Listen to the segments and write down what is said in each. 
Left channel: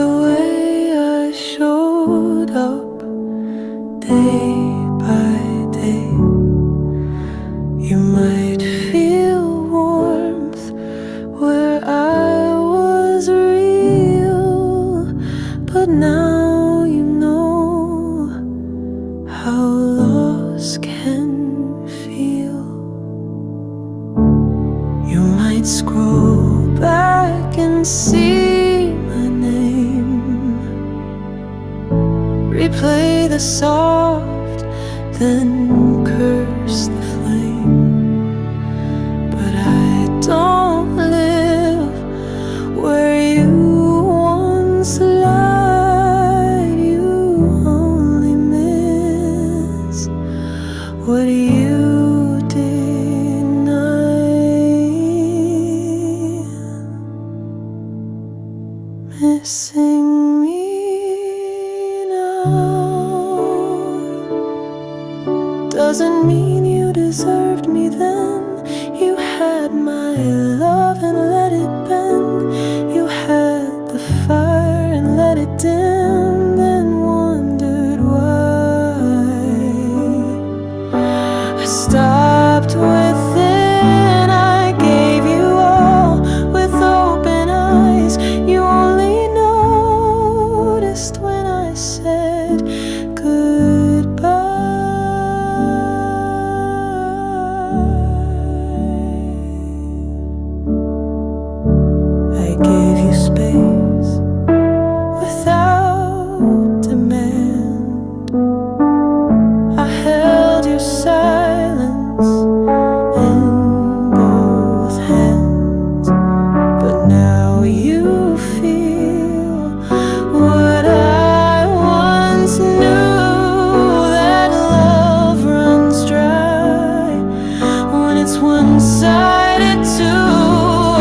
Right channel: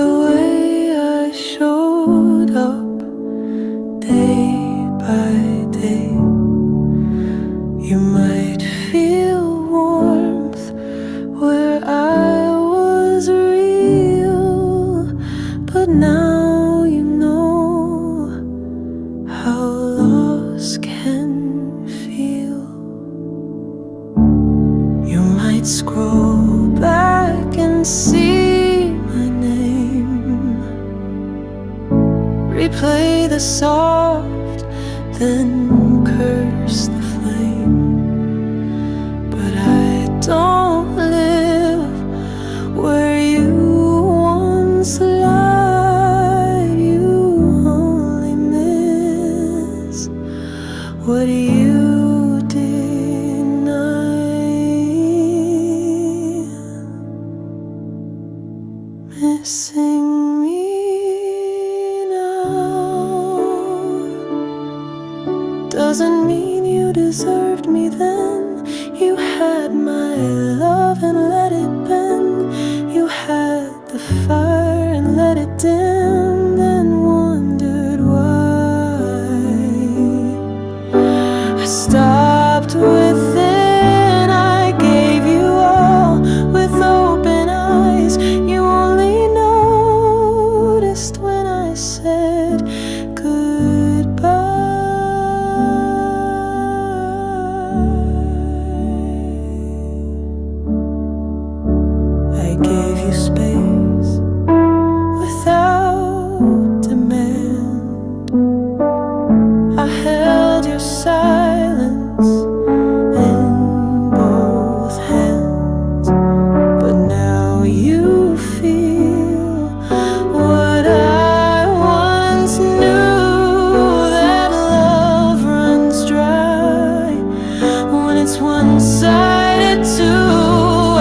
the way I showed up day by day. You might feel warmth where I was real, but now you know how loss can feel. You might scroll back and see my name, replay the soft, then curse the flame. But I don't live where you once lied. You only miss what you deny. Missing me now doesn't mean you deserved me then. You had my love and let it bend. You had the fire and let it dim, then wondered why I stopped within. I gave you all with open eyes. You only noticed when I said goodbye. I gave you space without demand. I held your silence in both hands. But now you feel what I once knew, that love runs dry when it's one-sided too.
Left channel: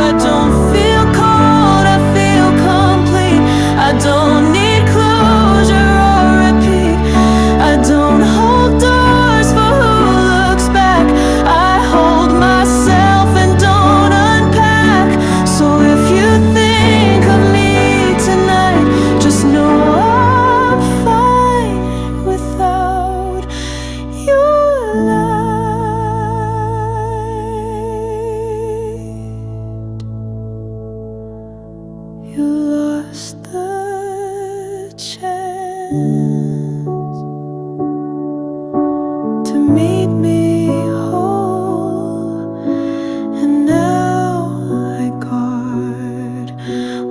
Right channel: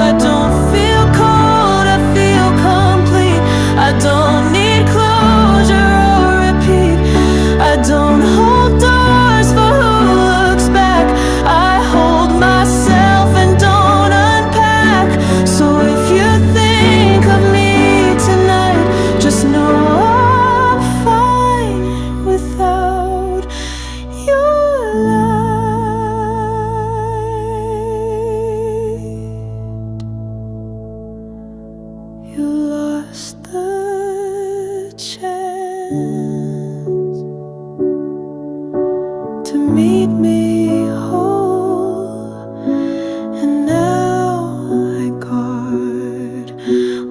I don't feel cold, I feel complete. I don't need closure or repeat. I don't hold doors for who looks back. I hold myself and don't unpack. So if you think of me tonight, just know I'm fine without your light. You lost the chance to meet me whole, and now I guard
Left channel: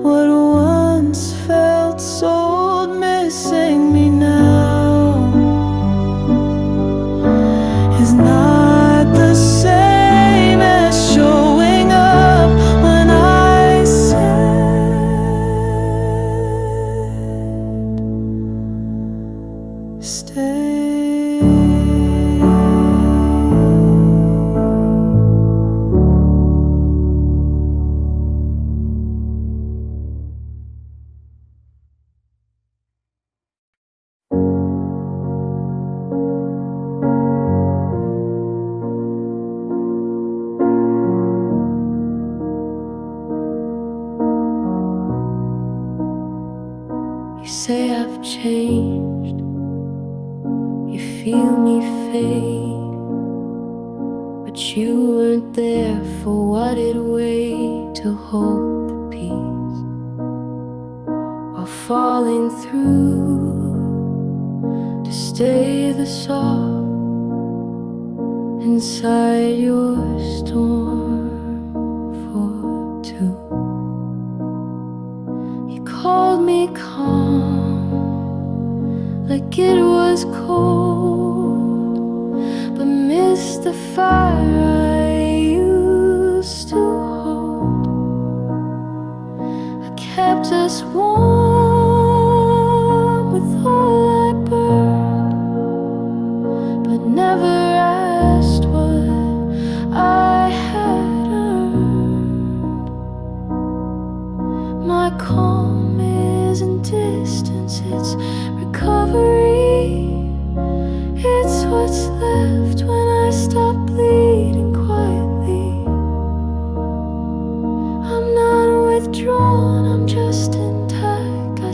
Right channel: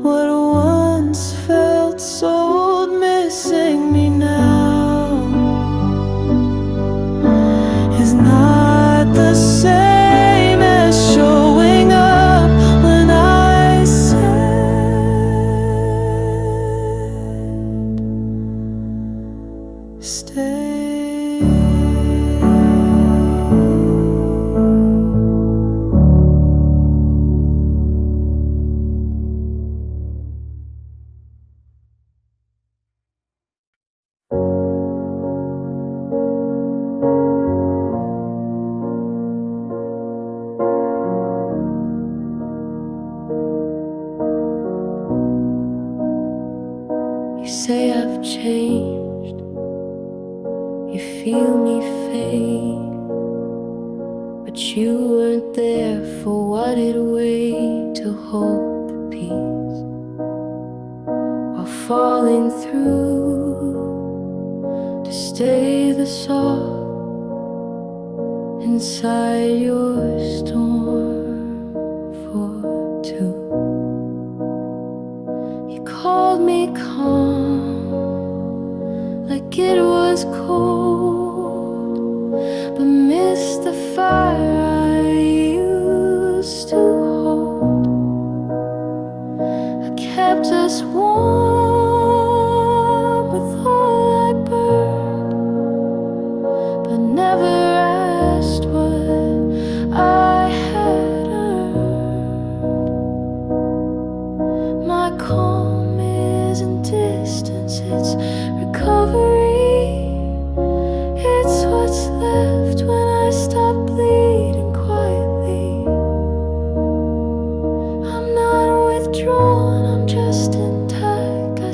what once felt sold. Missing me now is not the same as showing up when I said stay. You say I've changed, you feel me fade, but you weren't there for what it weighed to hold the peace while falling through, to stay the soft inside your storm for two. You called me calm, like it was cold, but missed the fire I used to hold. I kept us warm with all I burned, but never asked what I had earned. My calm isn't distance, it's recovery. It's what's left when I stop bleeding quietly. I'm not withdrawn, I'm just intact. I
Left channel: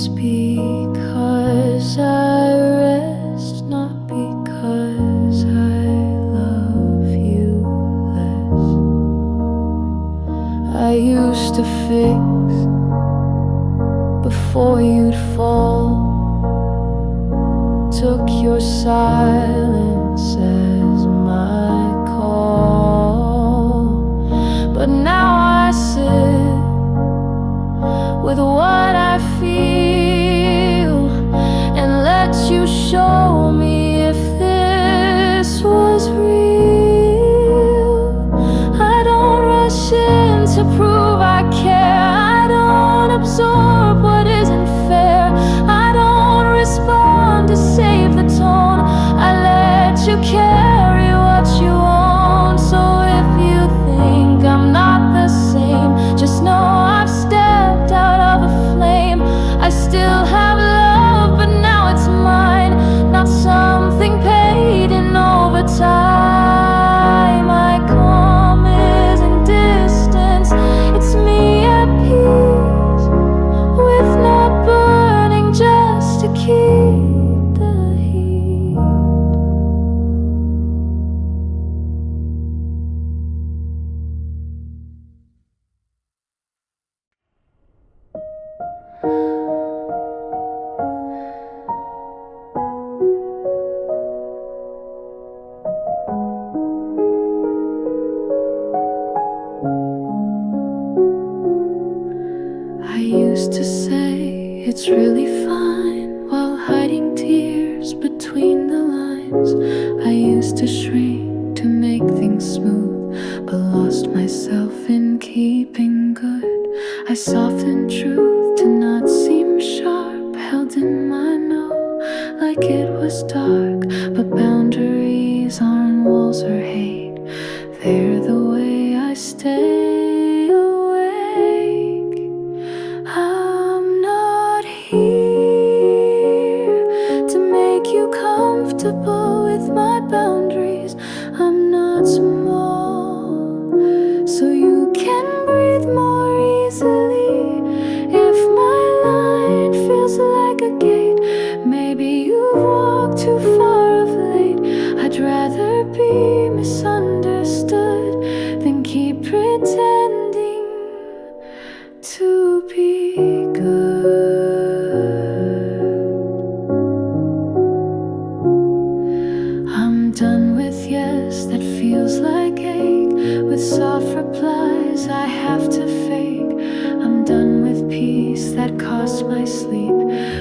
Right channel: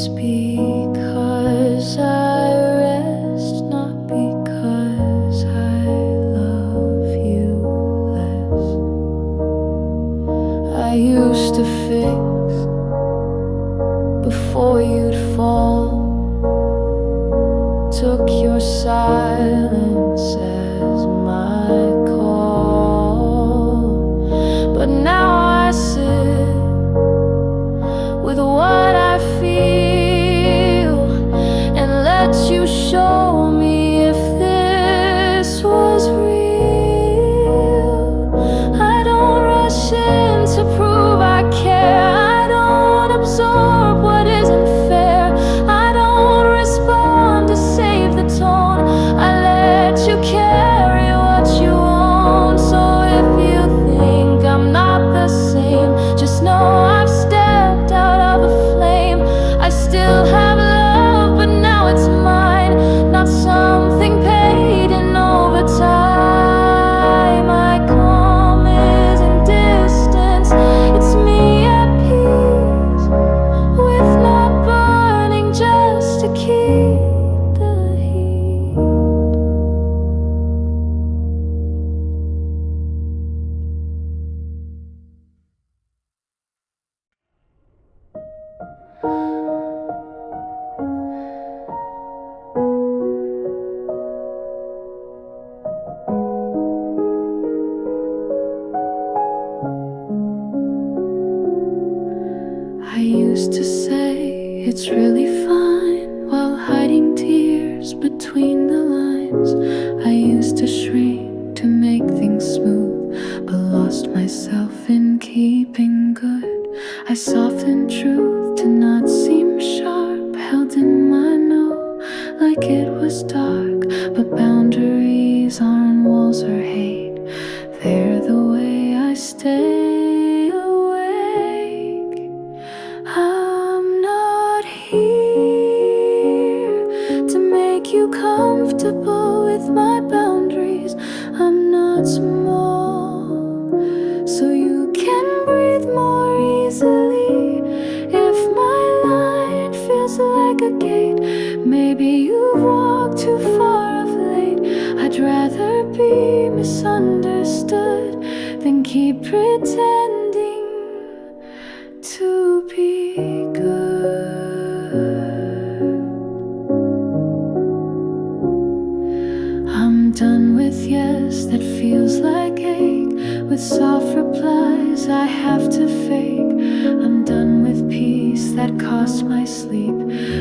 It's because I rest, not because I love you less. I used to fix before you'd fall, took your silence as my call. But now I sit with what I feel and let you show me if this was real. I don't rush in to prove I care. I don't absorb what isn't fair. I don't respond to save the tone. I let you carry what you own. So if you think I'm not the same, just know I've stepped out of a flame. I still have love, but now it's mine, not something paid in overtime. My calm is in distance. It's me at peace with not burning just to keep the heat. I used to say it's really fine while hiding tears between the lines. I used to shrink to make things smooth, but lost myself in keeping good. I softened truth to not seem sharp, held in my no like it was dark. But boundaries aren't walls or hate, they're the way I stay awake. I'm not here to make you comfortable with my boundaries. I'm not small, so you can breathe more easily. If my line feels like a gate, maybe you've walked too far of late. I'd rather be misunderstood than keep pretending to be good. I'm done with yes that feels like ache, with soft replies I have to fake. I'm done with peace that costs my sleep,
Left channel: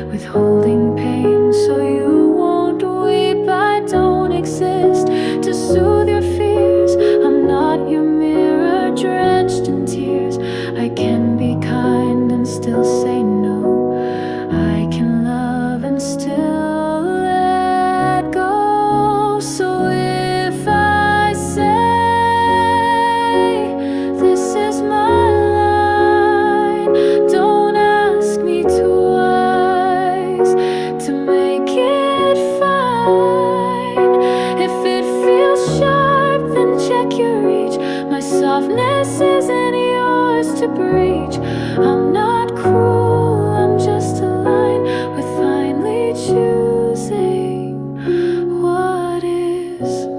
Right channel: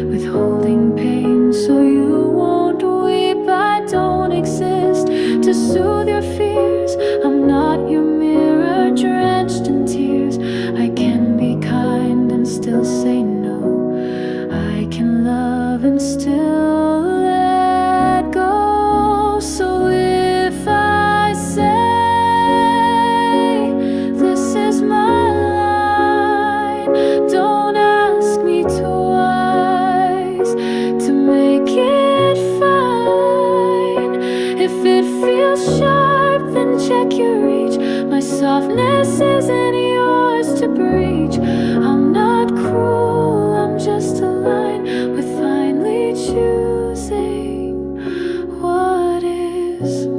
withholding pain so you won't weep. I don't exist to soothe your fears. I'm not your mirror drenched in tears. I can be kind and still say no. I can love and still let go. So if I say this is my line, don't ask me twice to make it fine. If it feels sharp, then check your reach. My softness isn't yours to breach. I'm not cruel, I'm just aligned with finally choosing what is mine.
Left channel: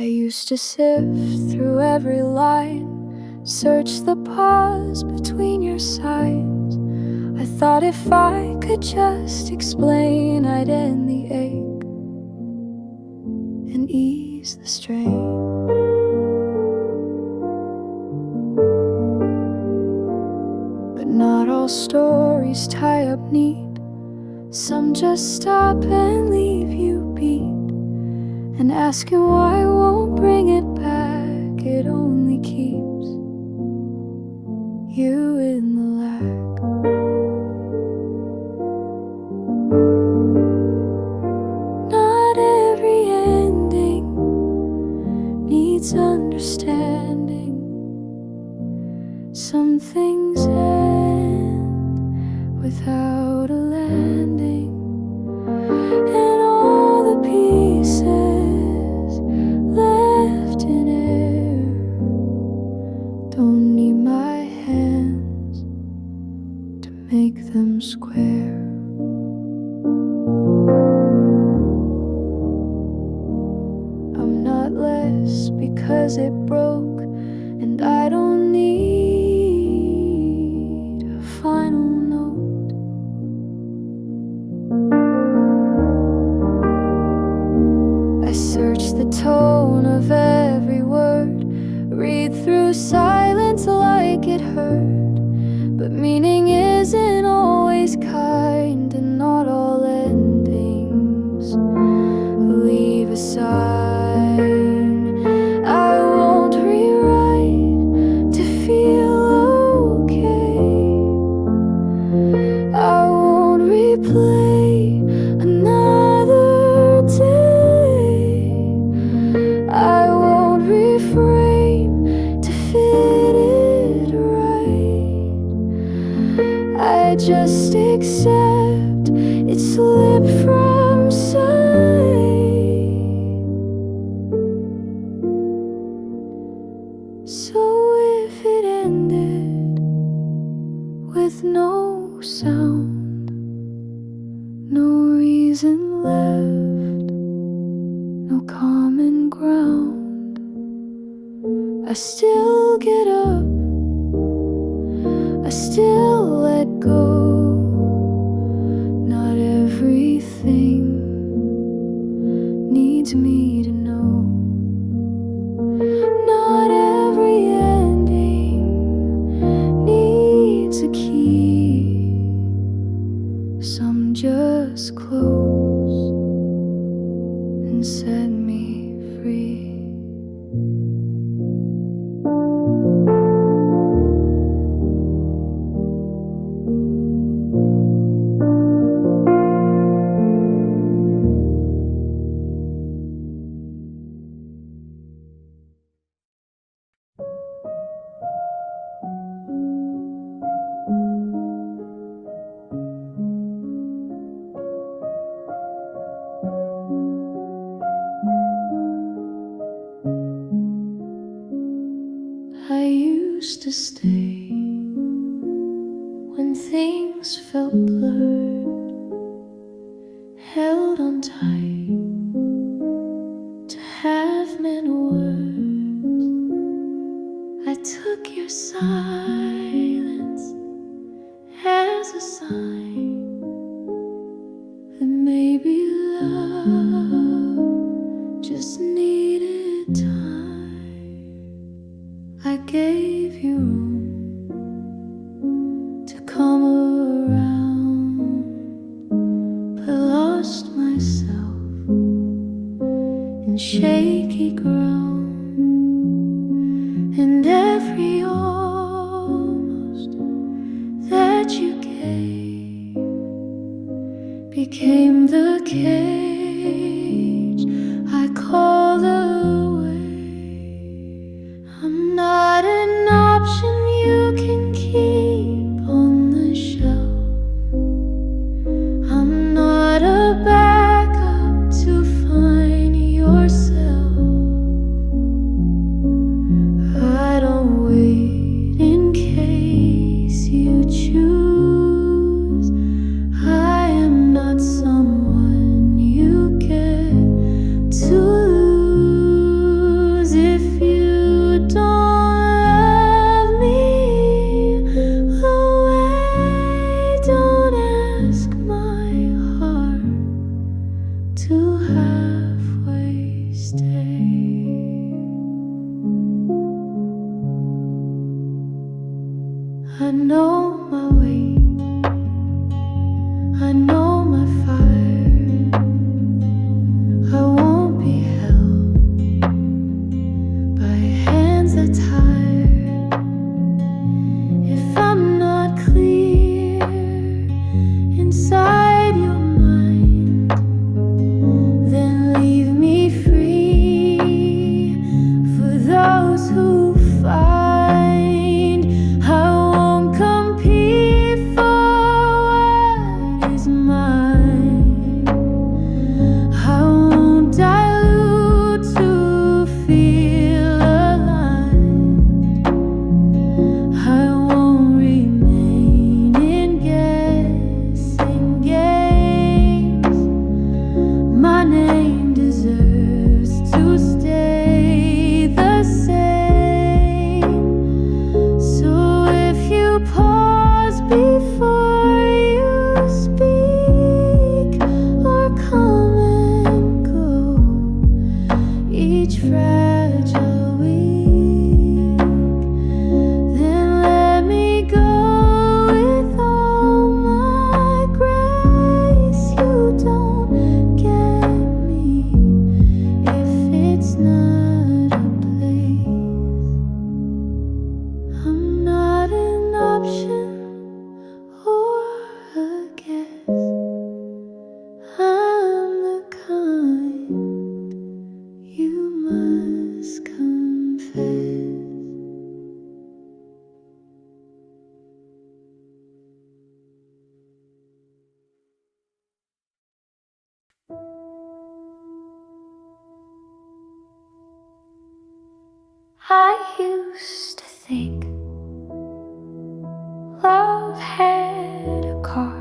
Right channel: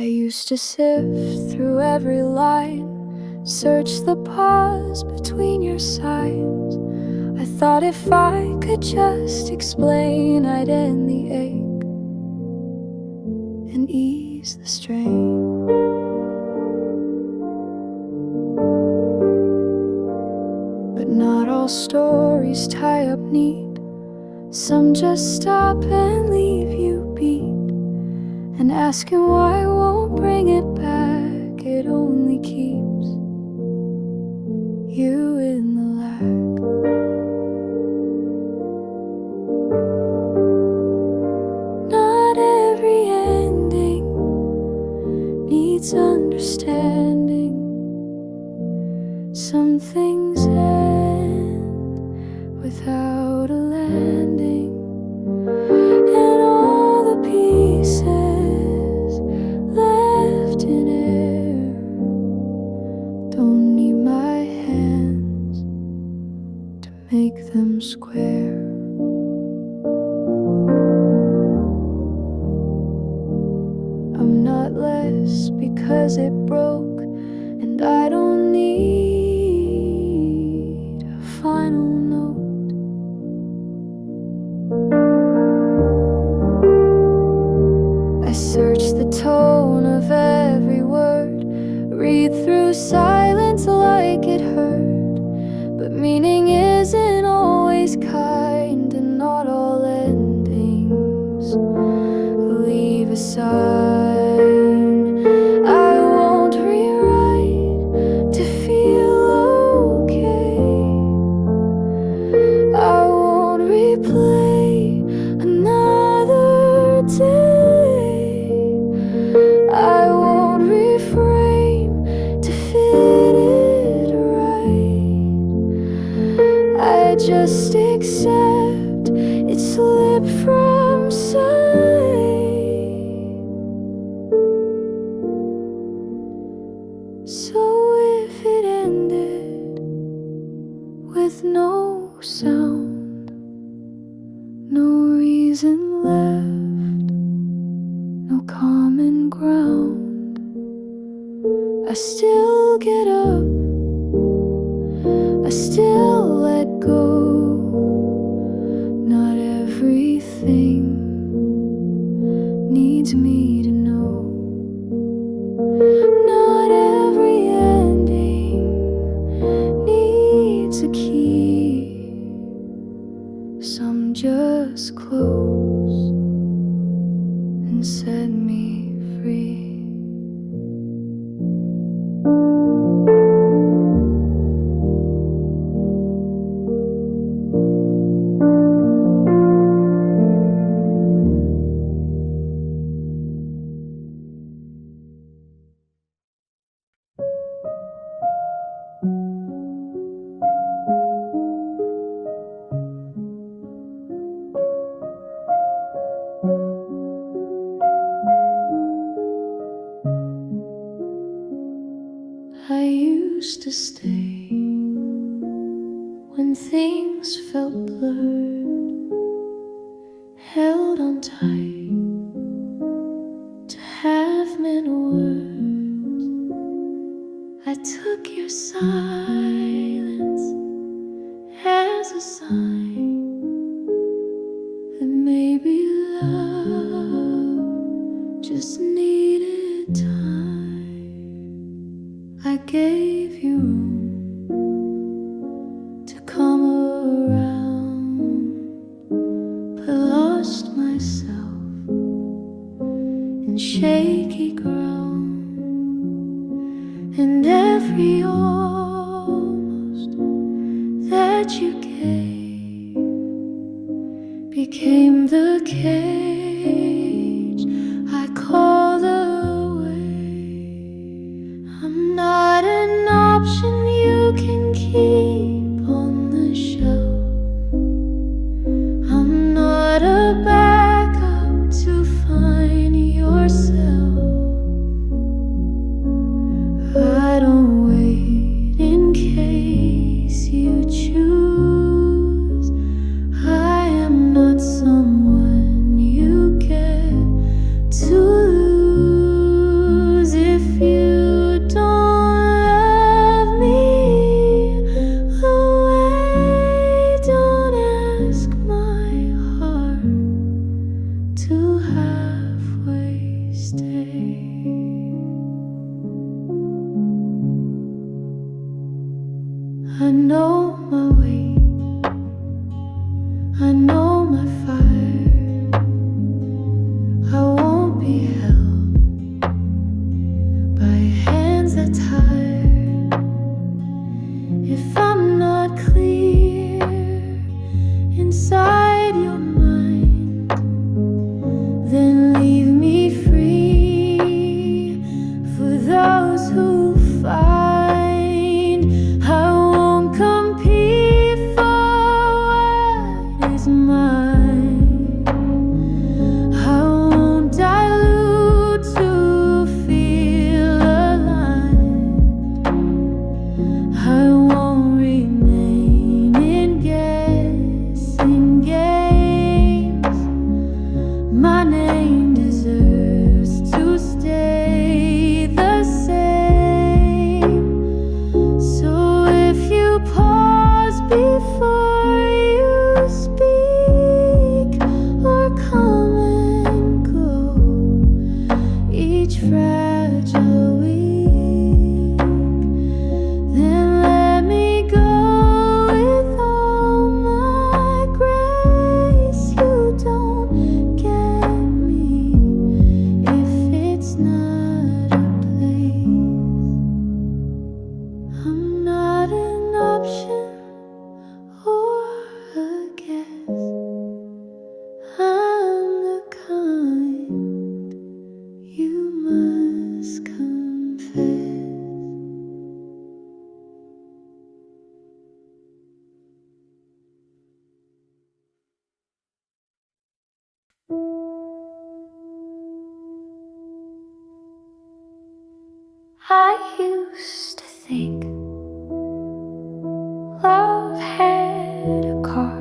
I used to sift through every line, search the pause between your signs. I thought if I could just explain, I'd end the ache and ease the strain. But not all stories tie up neat. Some just stop and leave you beat, and asking why won't bring it back. It only only keeps you in the lack. Not every ending needs understanding. Some things end without a landing, and all the pieces left in air don't need my hands to make them square. I'm not less because it broke, and I don't need a final note. I search the tone of every word, read through silence like it hurt, but meaning isn't always kind, and not all endings leave a sign. I won't rewrite to feel okay. I won't replay another day. I won't reframe to fit it right. I just accept it slipped from sight. So if it ended with no sound, no reason left, no common ground, I still get up, I still let go. Not everything needs me to know. Not every ending needs a key. Some just close and set me free. I used to stay when things felt blurred, held on tight to have many words. I took your silence as a sign that maybe love just needed time. I gave you room to come around, but lost myself in shaky ground, and every almost that you gave became the cage I called away. I'm not an option you can keep on the shelf. I'm not a backup to find yourself. I don't wait in case you choose. I am not someone you get to lose. If you don't love me away, don't ask my heart to halfway stay. I know my weight, I know my fire. I won't be held by hands that tired if I'm not clear inside your mind. Then leave me free for those who find I won't compete for what is mine. I won't dilute to feel aligned. I won't remain in guessing games. My name deserves to stay the same. So if you pause before you speak or come and go each fragile week, then let me go with all my grace. You don't get me if it's not a place. I'm not an option or a guess. I'm the kind you must confess. I used to think love had a cost.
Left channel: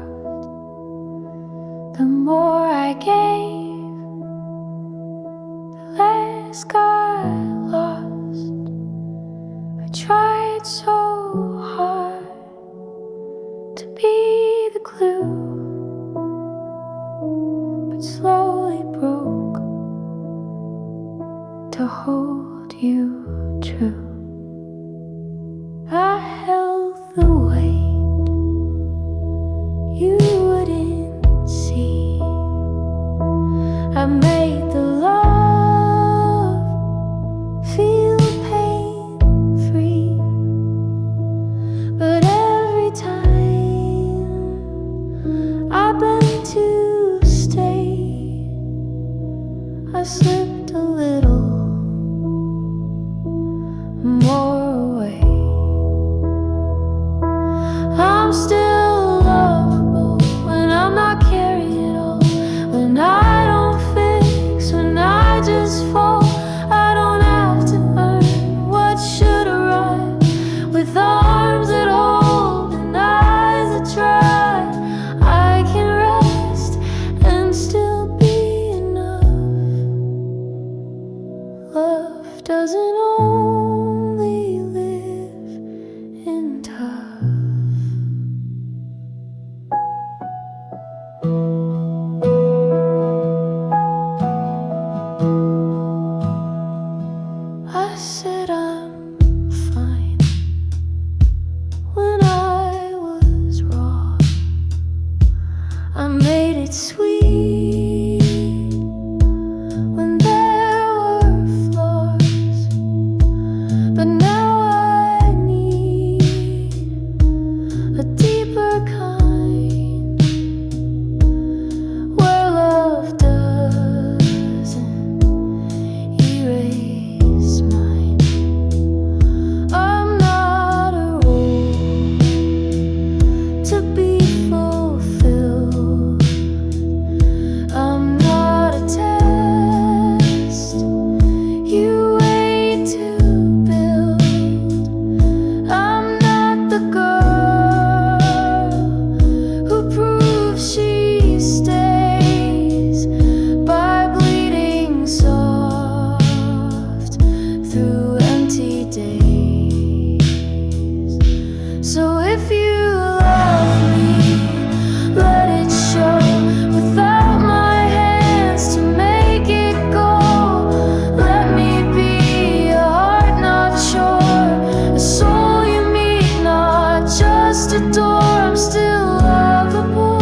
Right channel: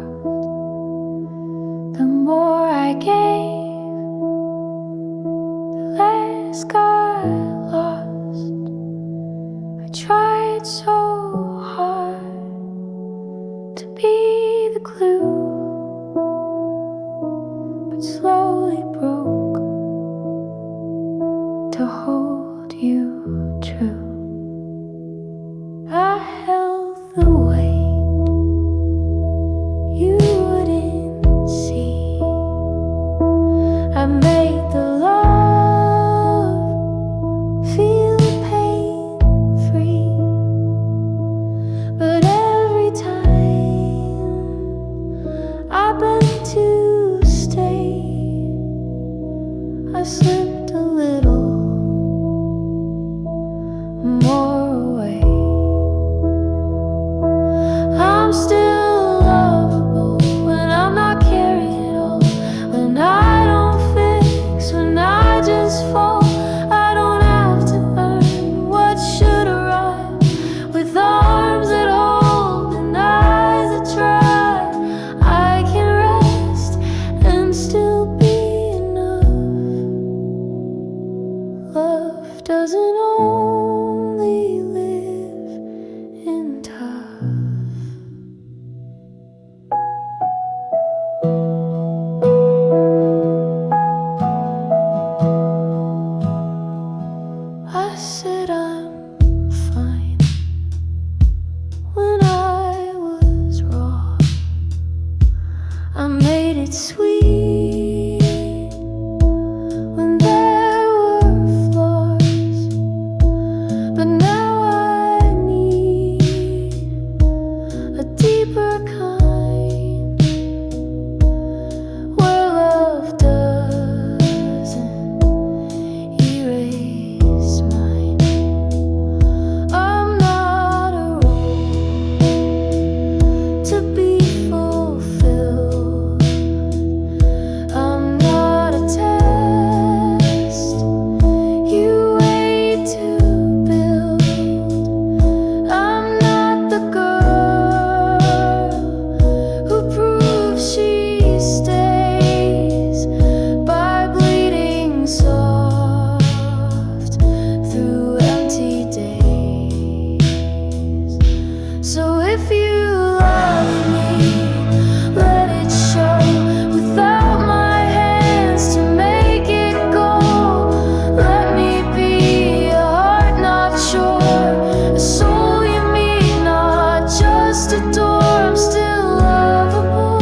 The more I gave, the less got lost. I tried so hard to be the glue, but slowly broke to hold you true. I held the weight you wouldn't see. I made the love feel pain-free. But every time I bent to stay, I slipped a little more away. I'm still lovable when I'm not carrying it all, when I don't fix, when I just fall. I don't have to earn what should arrive, with arms that hold and eyes that try. I can rest and still be enough. Love doesn't only live in tough. I said I'm fine when I was wrong. I made it sweet when there were flaws. But now I need a deeper kind, where love doesn't erase mine. I'm not a role to be fulfilled. I'm not a test you wait to build. I'm not the girl who proves she stays by bleeding soft through empty days. So if you love me, let it show without my hands to make it go. Let me be a heart not sure, a soul you meet, not just a door. I'm still lovable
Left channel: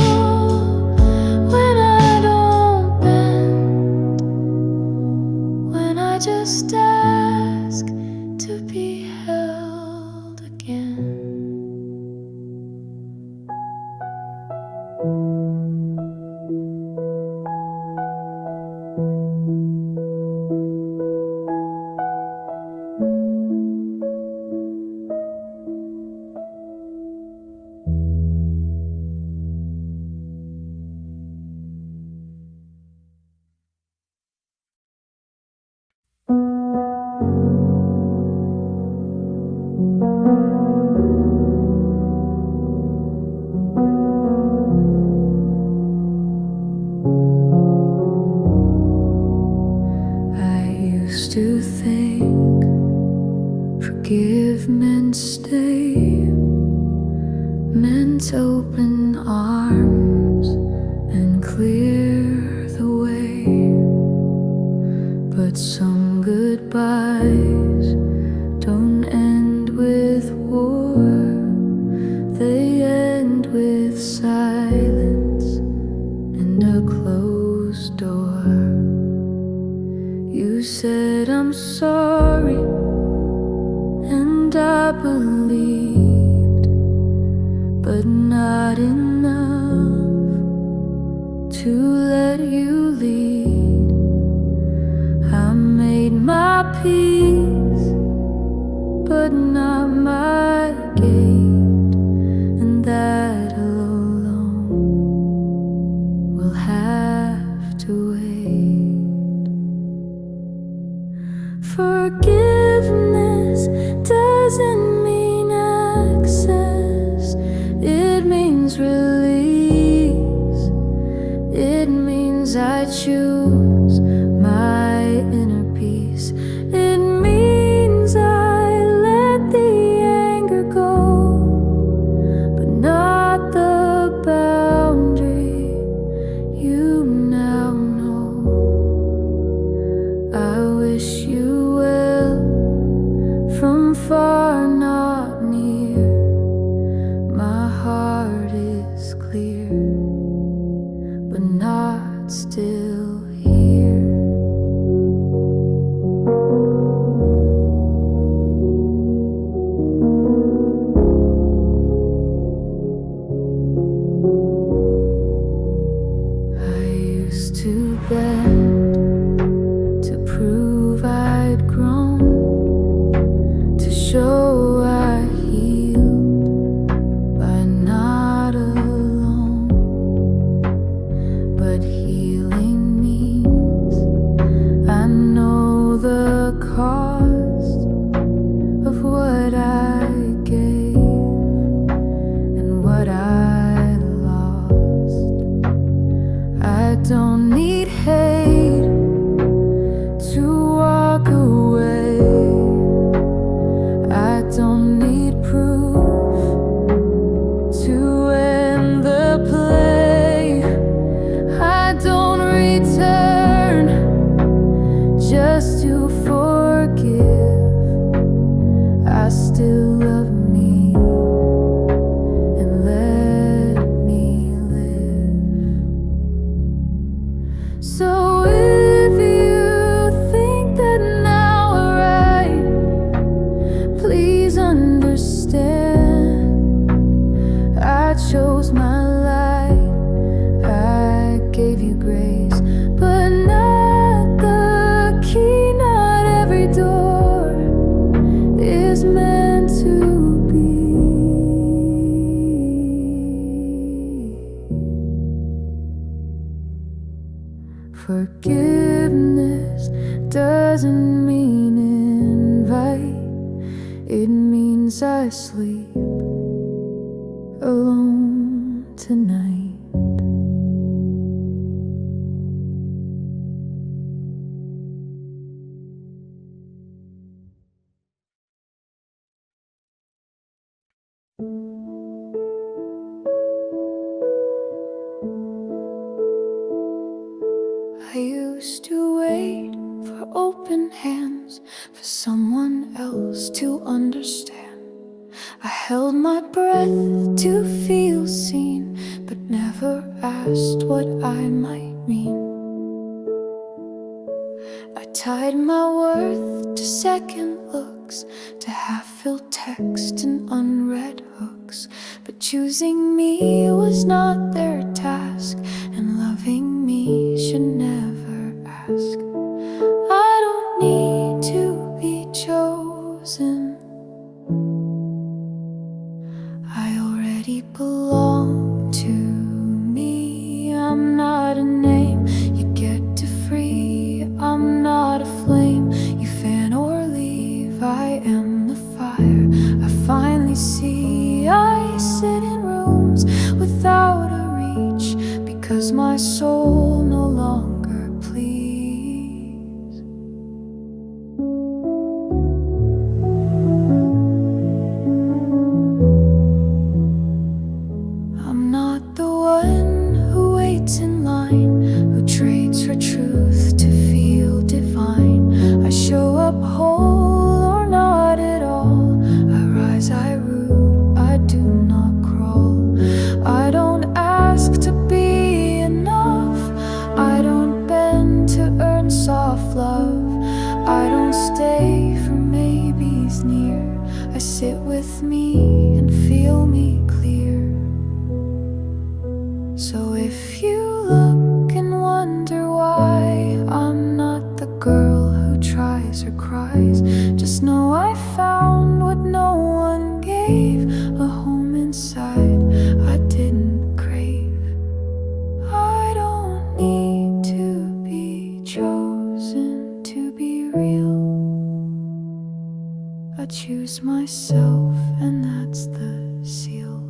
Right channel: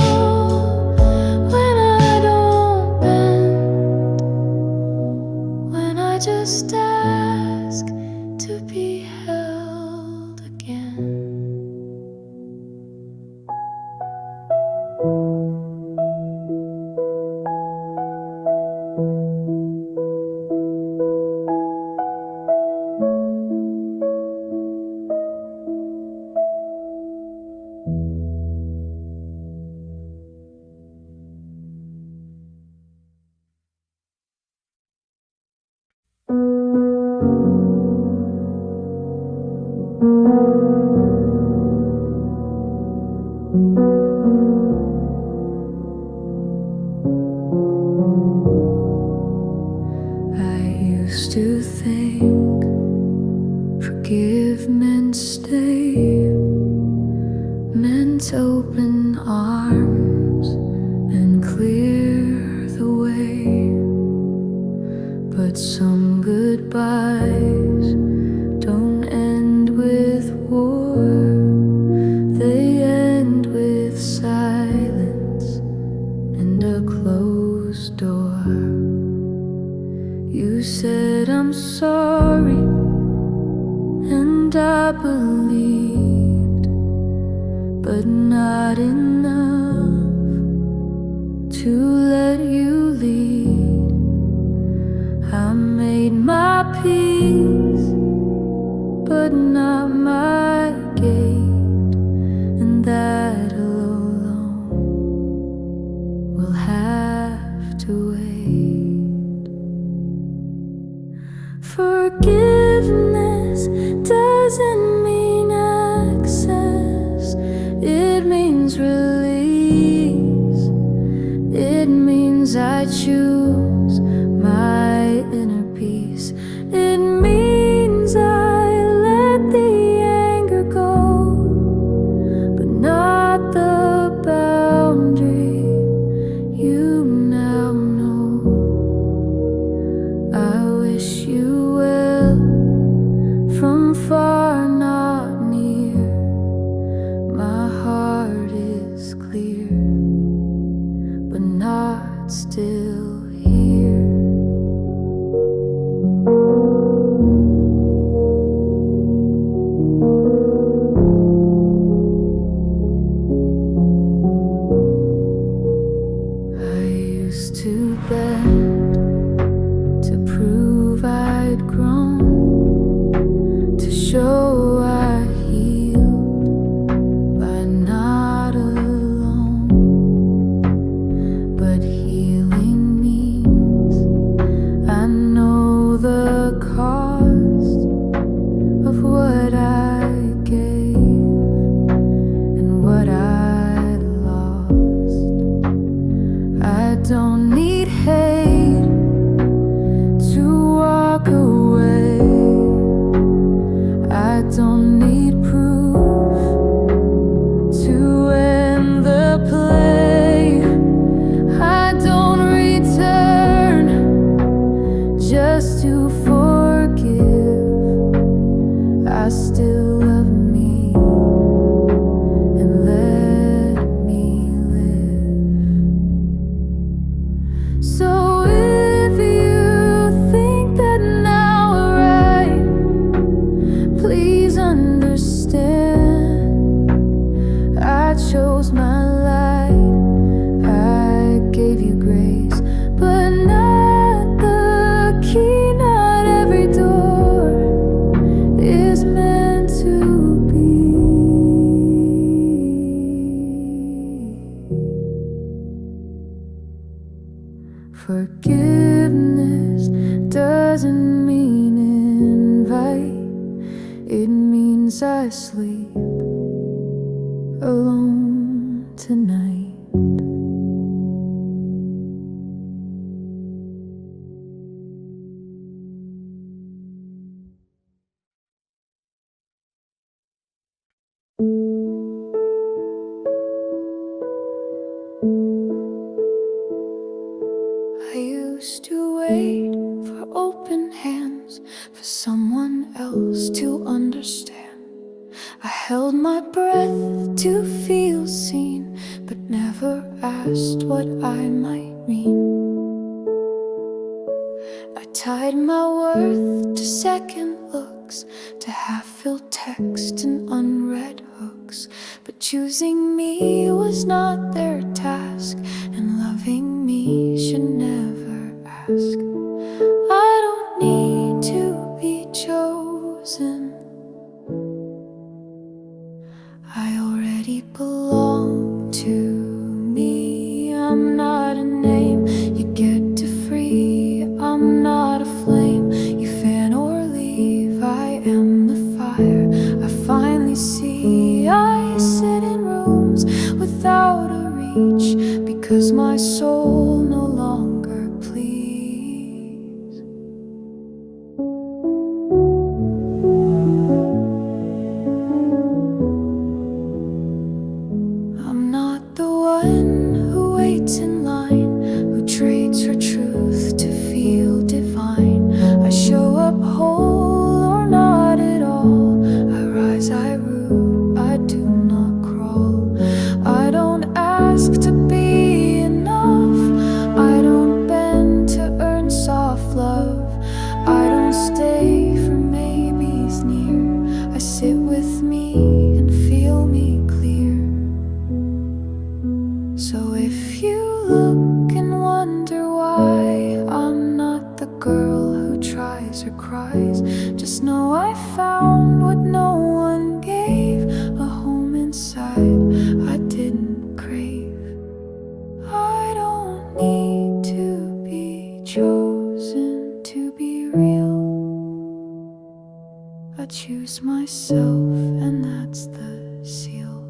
when I don't bend, when I just ask to to be held again. To think, forgive meant stay, meant open arms and clear the way. But some goodbyes don't end with war, they end with silence and a closed door. You said I'm sorry, and I believed, but not enough to let you lead. I made my peace, but not my gate, and that alone will have to wait. Forgiveness doesn't mean access, it means release. It means I choose my inner peace. It means I let the anger go, but not the boundary you now know. I wish you well from far, not near. My heart is clear, but not still here. I used to bend to prove I'd grown, to show I healed by not alone. But healing means I know the cost of what I gave and what I lost. I don't need hate to walk away. I don't need proof to end the play. I don't return just to forgive. I still love me and let me live. So if you think that now we're right, please understand I chose my light. I gave you grace, but not the key. Not every door is meant to be. Forgiveness doesn't mean invite, it means I sleep alone tonight. I used to wait for open hands, for someone else to understand. I held my breath to feel seen, but never asked what I might mean. I tied my worth to second looks, to half-filled text and unread hooks. But choosing me was not their task, and loving me should never ask. I don't need to be chosen, I already belong to me. I'm not a name you get to free, I'm not a flame you fan or leave. I am the fire I finally see. I sit in rooms without a reach, because my soul no longer pleads. I'm not the one who waits in line, who trades her truth to feel divine. I show up whole or not at all, I rise, I root, I do not crawl. I don't ask to be enough, I don't bend to earn soft love. I don't stay for maybes near, I sit with me and feel me clear. So if you look and wonder why I'm not the girl who tries or cries, just know I found what no one gave, a home inside I didn't crave. I don't need to be chosen to be real, I choose myself and that's the seal.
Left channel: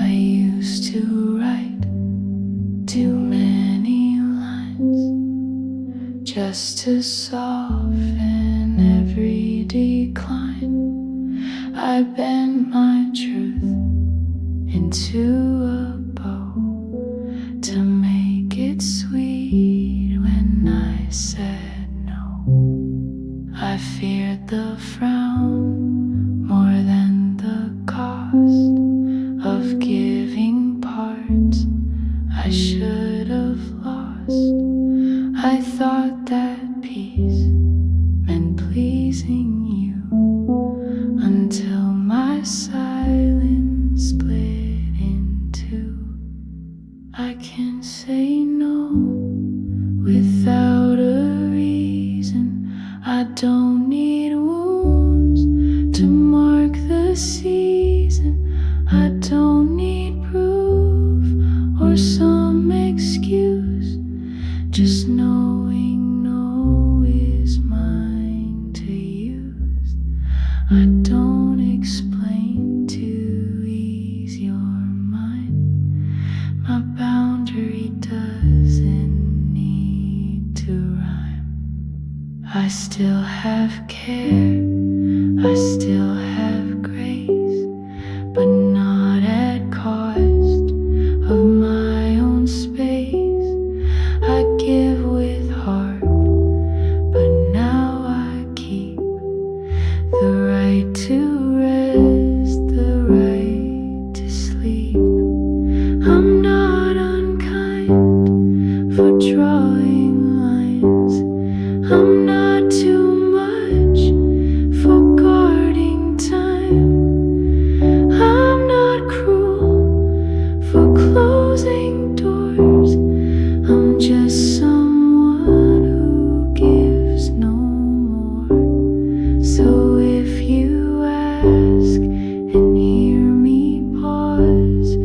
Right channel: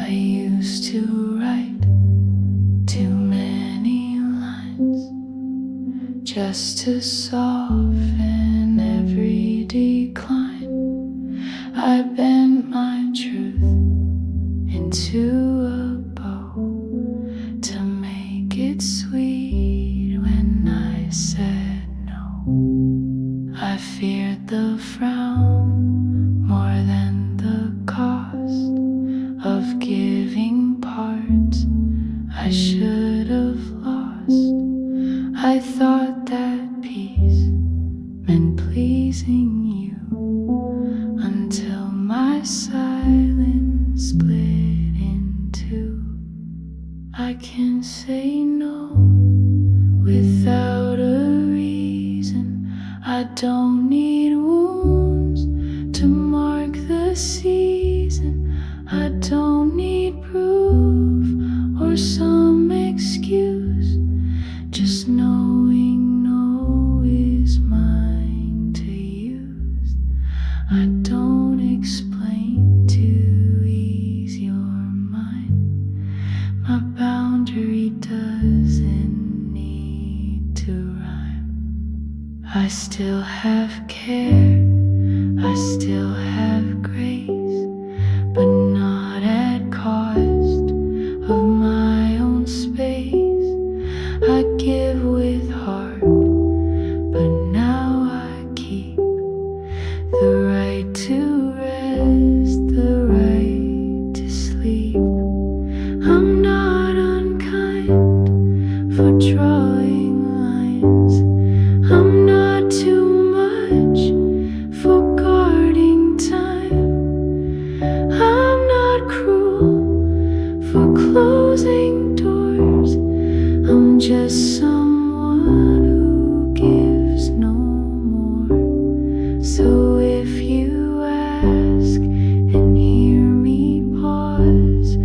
I used to write too many lines just to soften every decline. I bent my truth into a bow to make it sweet when I said no. I feared the frown more than the cost of giving parts I should have lost. I thought that peace meant pleasing you, until my silence split in two. I can say no without a reason, I don't need wounds to mark the season. I don't need proof or some excuse, just knowing no is mine to use. I don't explain to ease your mind, my boundary doesn't need to rhyme. I still have care, I still have grace, but not at cost of my own space. I give with heart, but now I keep the right to rest, the right to sleep. I'm not unkind for drawing lines, I'm not too much for guarding time. I'm not cruel for closing doors, I'm just someone who gives no more. So if you ask and hear me pause,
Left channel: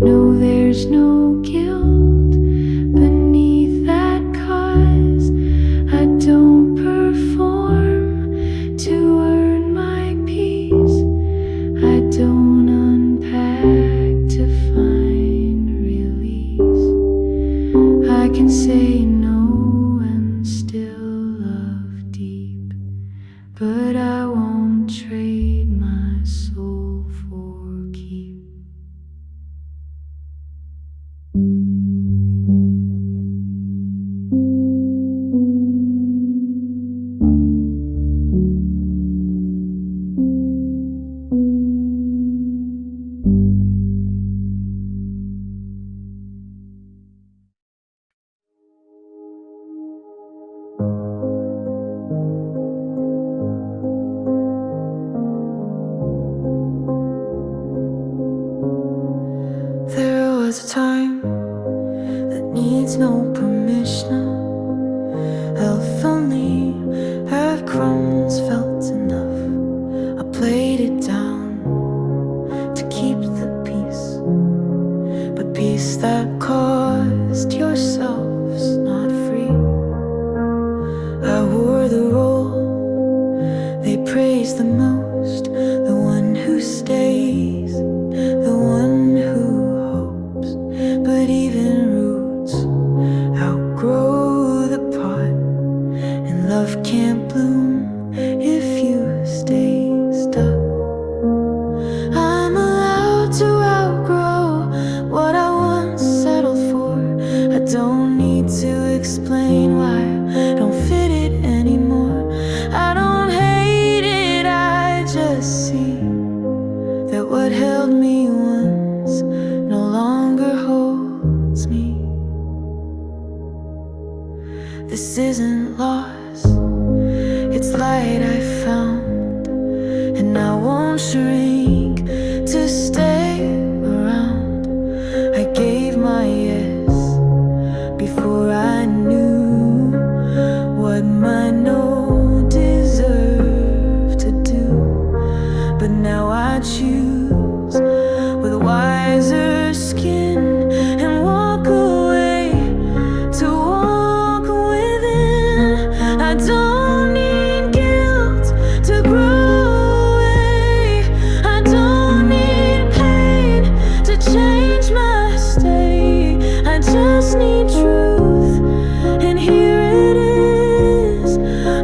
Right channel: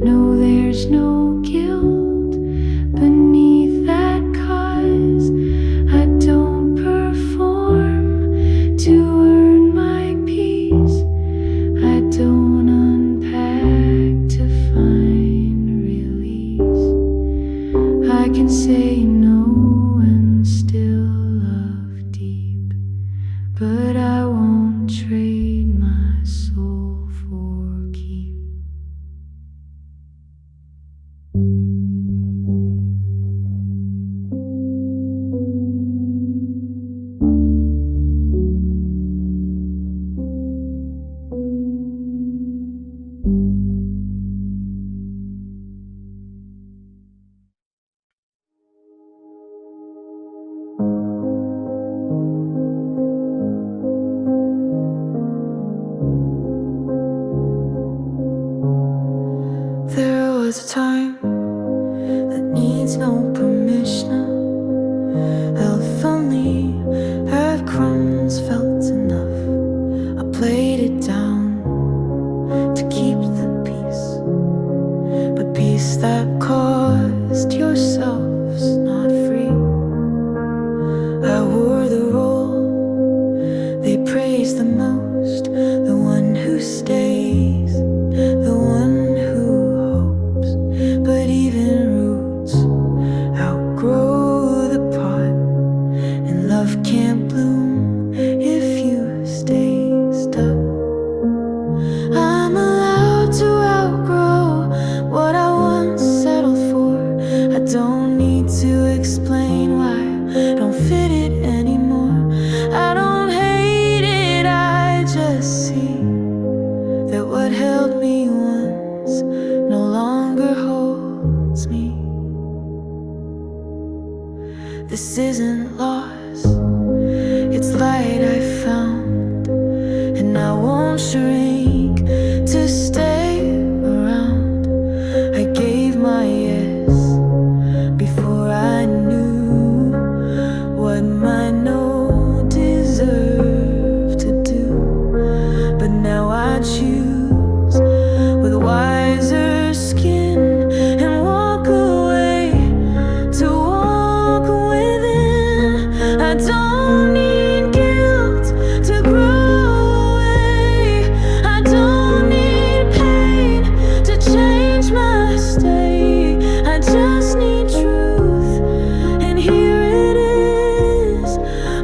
know there's no guilt beneath that, 'cause I don't perform to earn my peace, I don't unpack to I can say no and still love deep, but I won't trade my soul for keep. There was a time that needs no permission. If only earth crumbs felt enough. I played it down to keep the peace, but peace that cost yourself's not free. I wore the role they praise the most, the one who stays, the one who hopes. But even roots outgrow the pot, and love can't bloom if you stay stuck. I'm allowed to outgrow what I once settled for. I don't need to explain why I don't fit it anymore. I don't hate it, I just see that what held me once no longer holds me. This isn't loss, it's light I found, and I won't shrink to stay around. I gave my yes before I knew what my no deserved to do. But now I choose with wiser skin and walk away to walk within. I don't need guilt to grow away. I don't need pain to change my state. I just need truth, and here it is.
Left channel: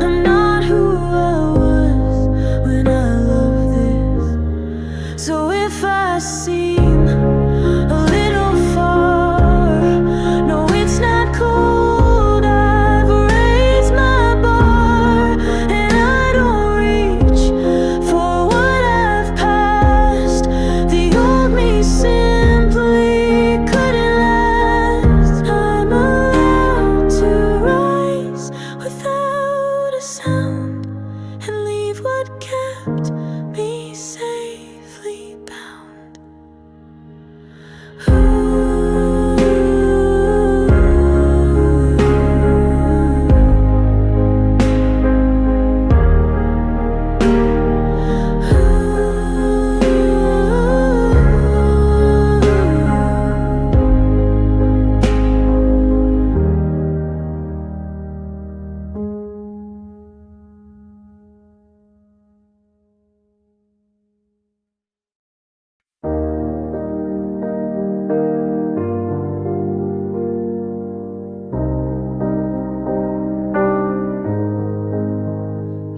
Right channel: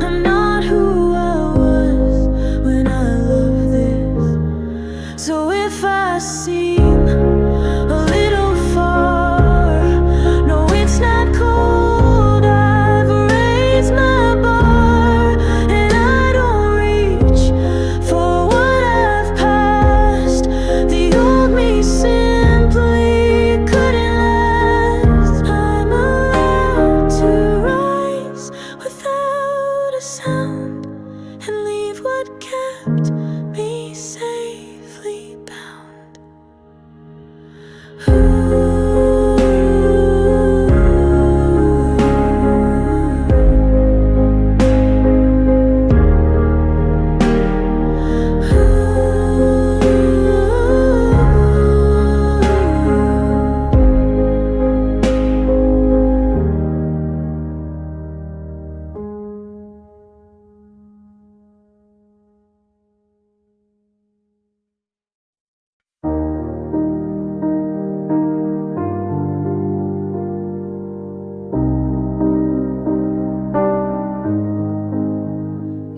I'm not who I was when I loved this. So if I seem a little far, no, it's not cold. I've raised my bar, and I don't reach for what I've passed. The old me simply couldn't last. I'm allowed to rise without a sound and leave what kept me safely bound.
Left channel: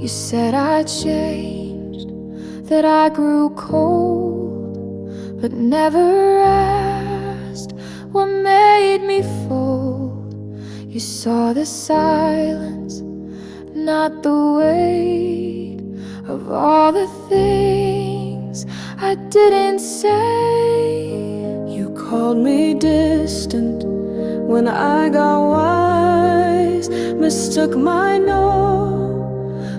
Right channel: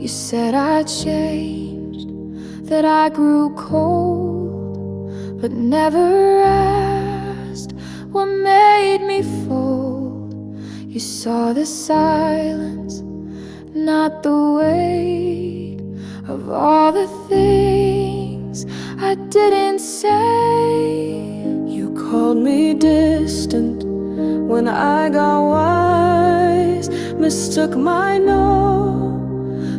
You said I changed, that I grew cold, but never asked what made me fold. You saw the silence, not the weight of all the things I didn't say. You called me distant when I got wise, mistook my no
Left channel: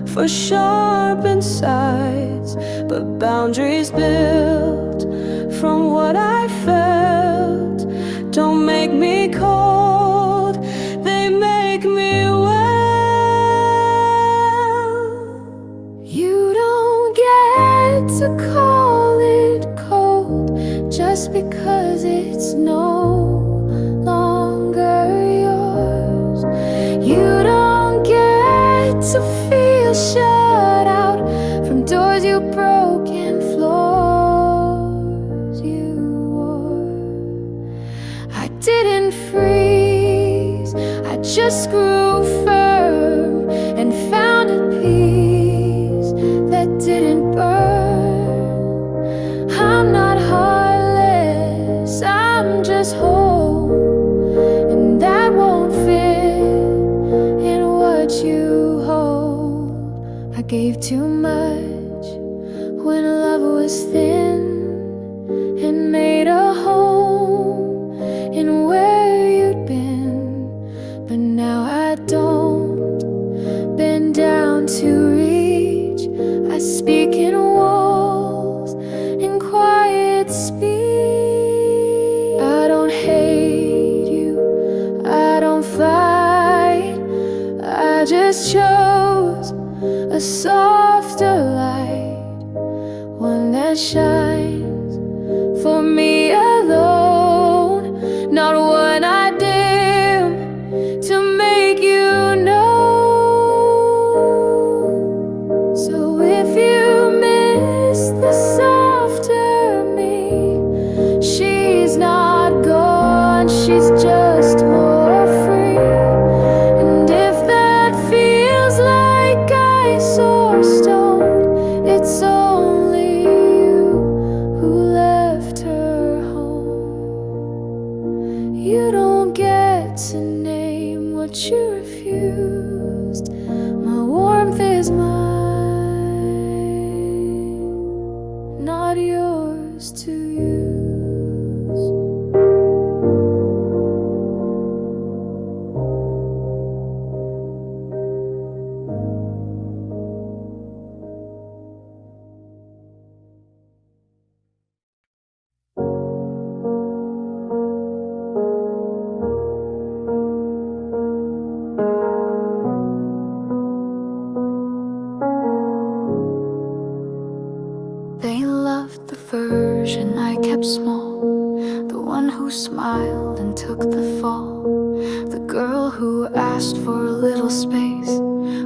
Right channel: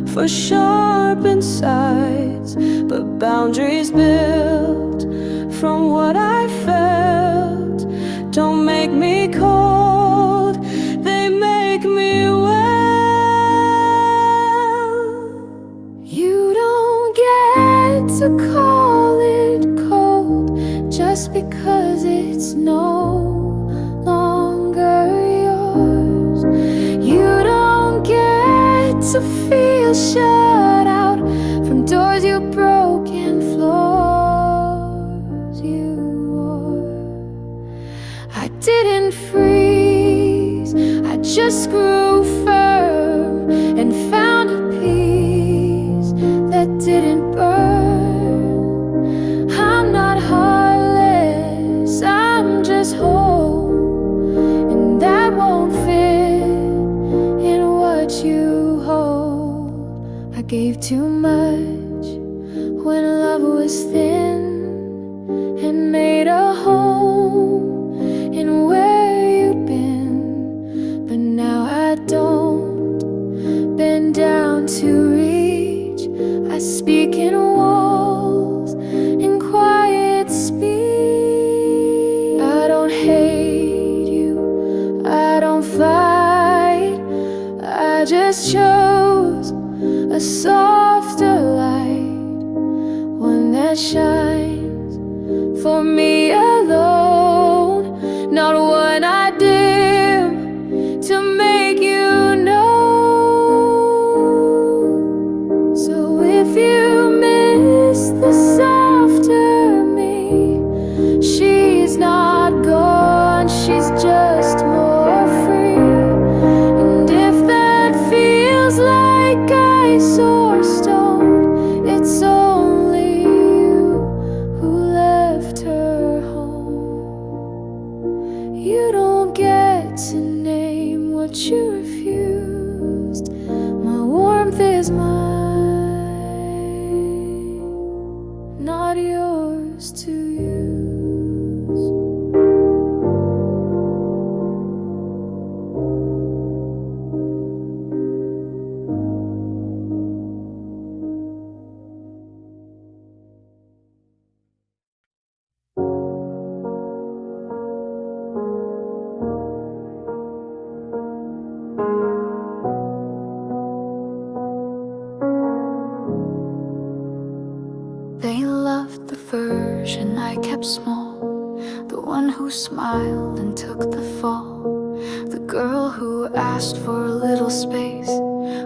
for sharp insights, but boundaries built from what I felt don't make me cold, they make me well. You don't get to call it cold just because it's no longer yours. You don't get to feel shut out from doors you broke and floors you wore. I didn't freeze just grew firm and found a peace that didn't burn. I'm not heartless, I'm just whole, and that won't fit in what you hold. I gave too much when love was thin and made a home in where you'd been, but now I don't bend down to reach. I speak in walls in quiet speech. I don't hate you, I don't fight, I just chose a softer light, one that shines for me alone, not one I dim to make you know. So if you miss the softer me, she's not gone, she's just more free. And if that feels like ice or stone, it's only you who left her home. You don't get to name what you refused. My warmth is mine, not yours to use. They loved the version I kept small, the one who smiled and took the fall, the girl who asked for a little space,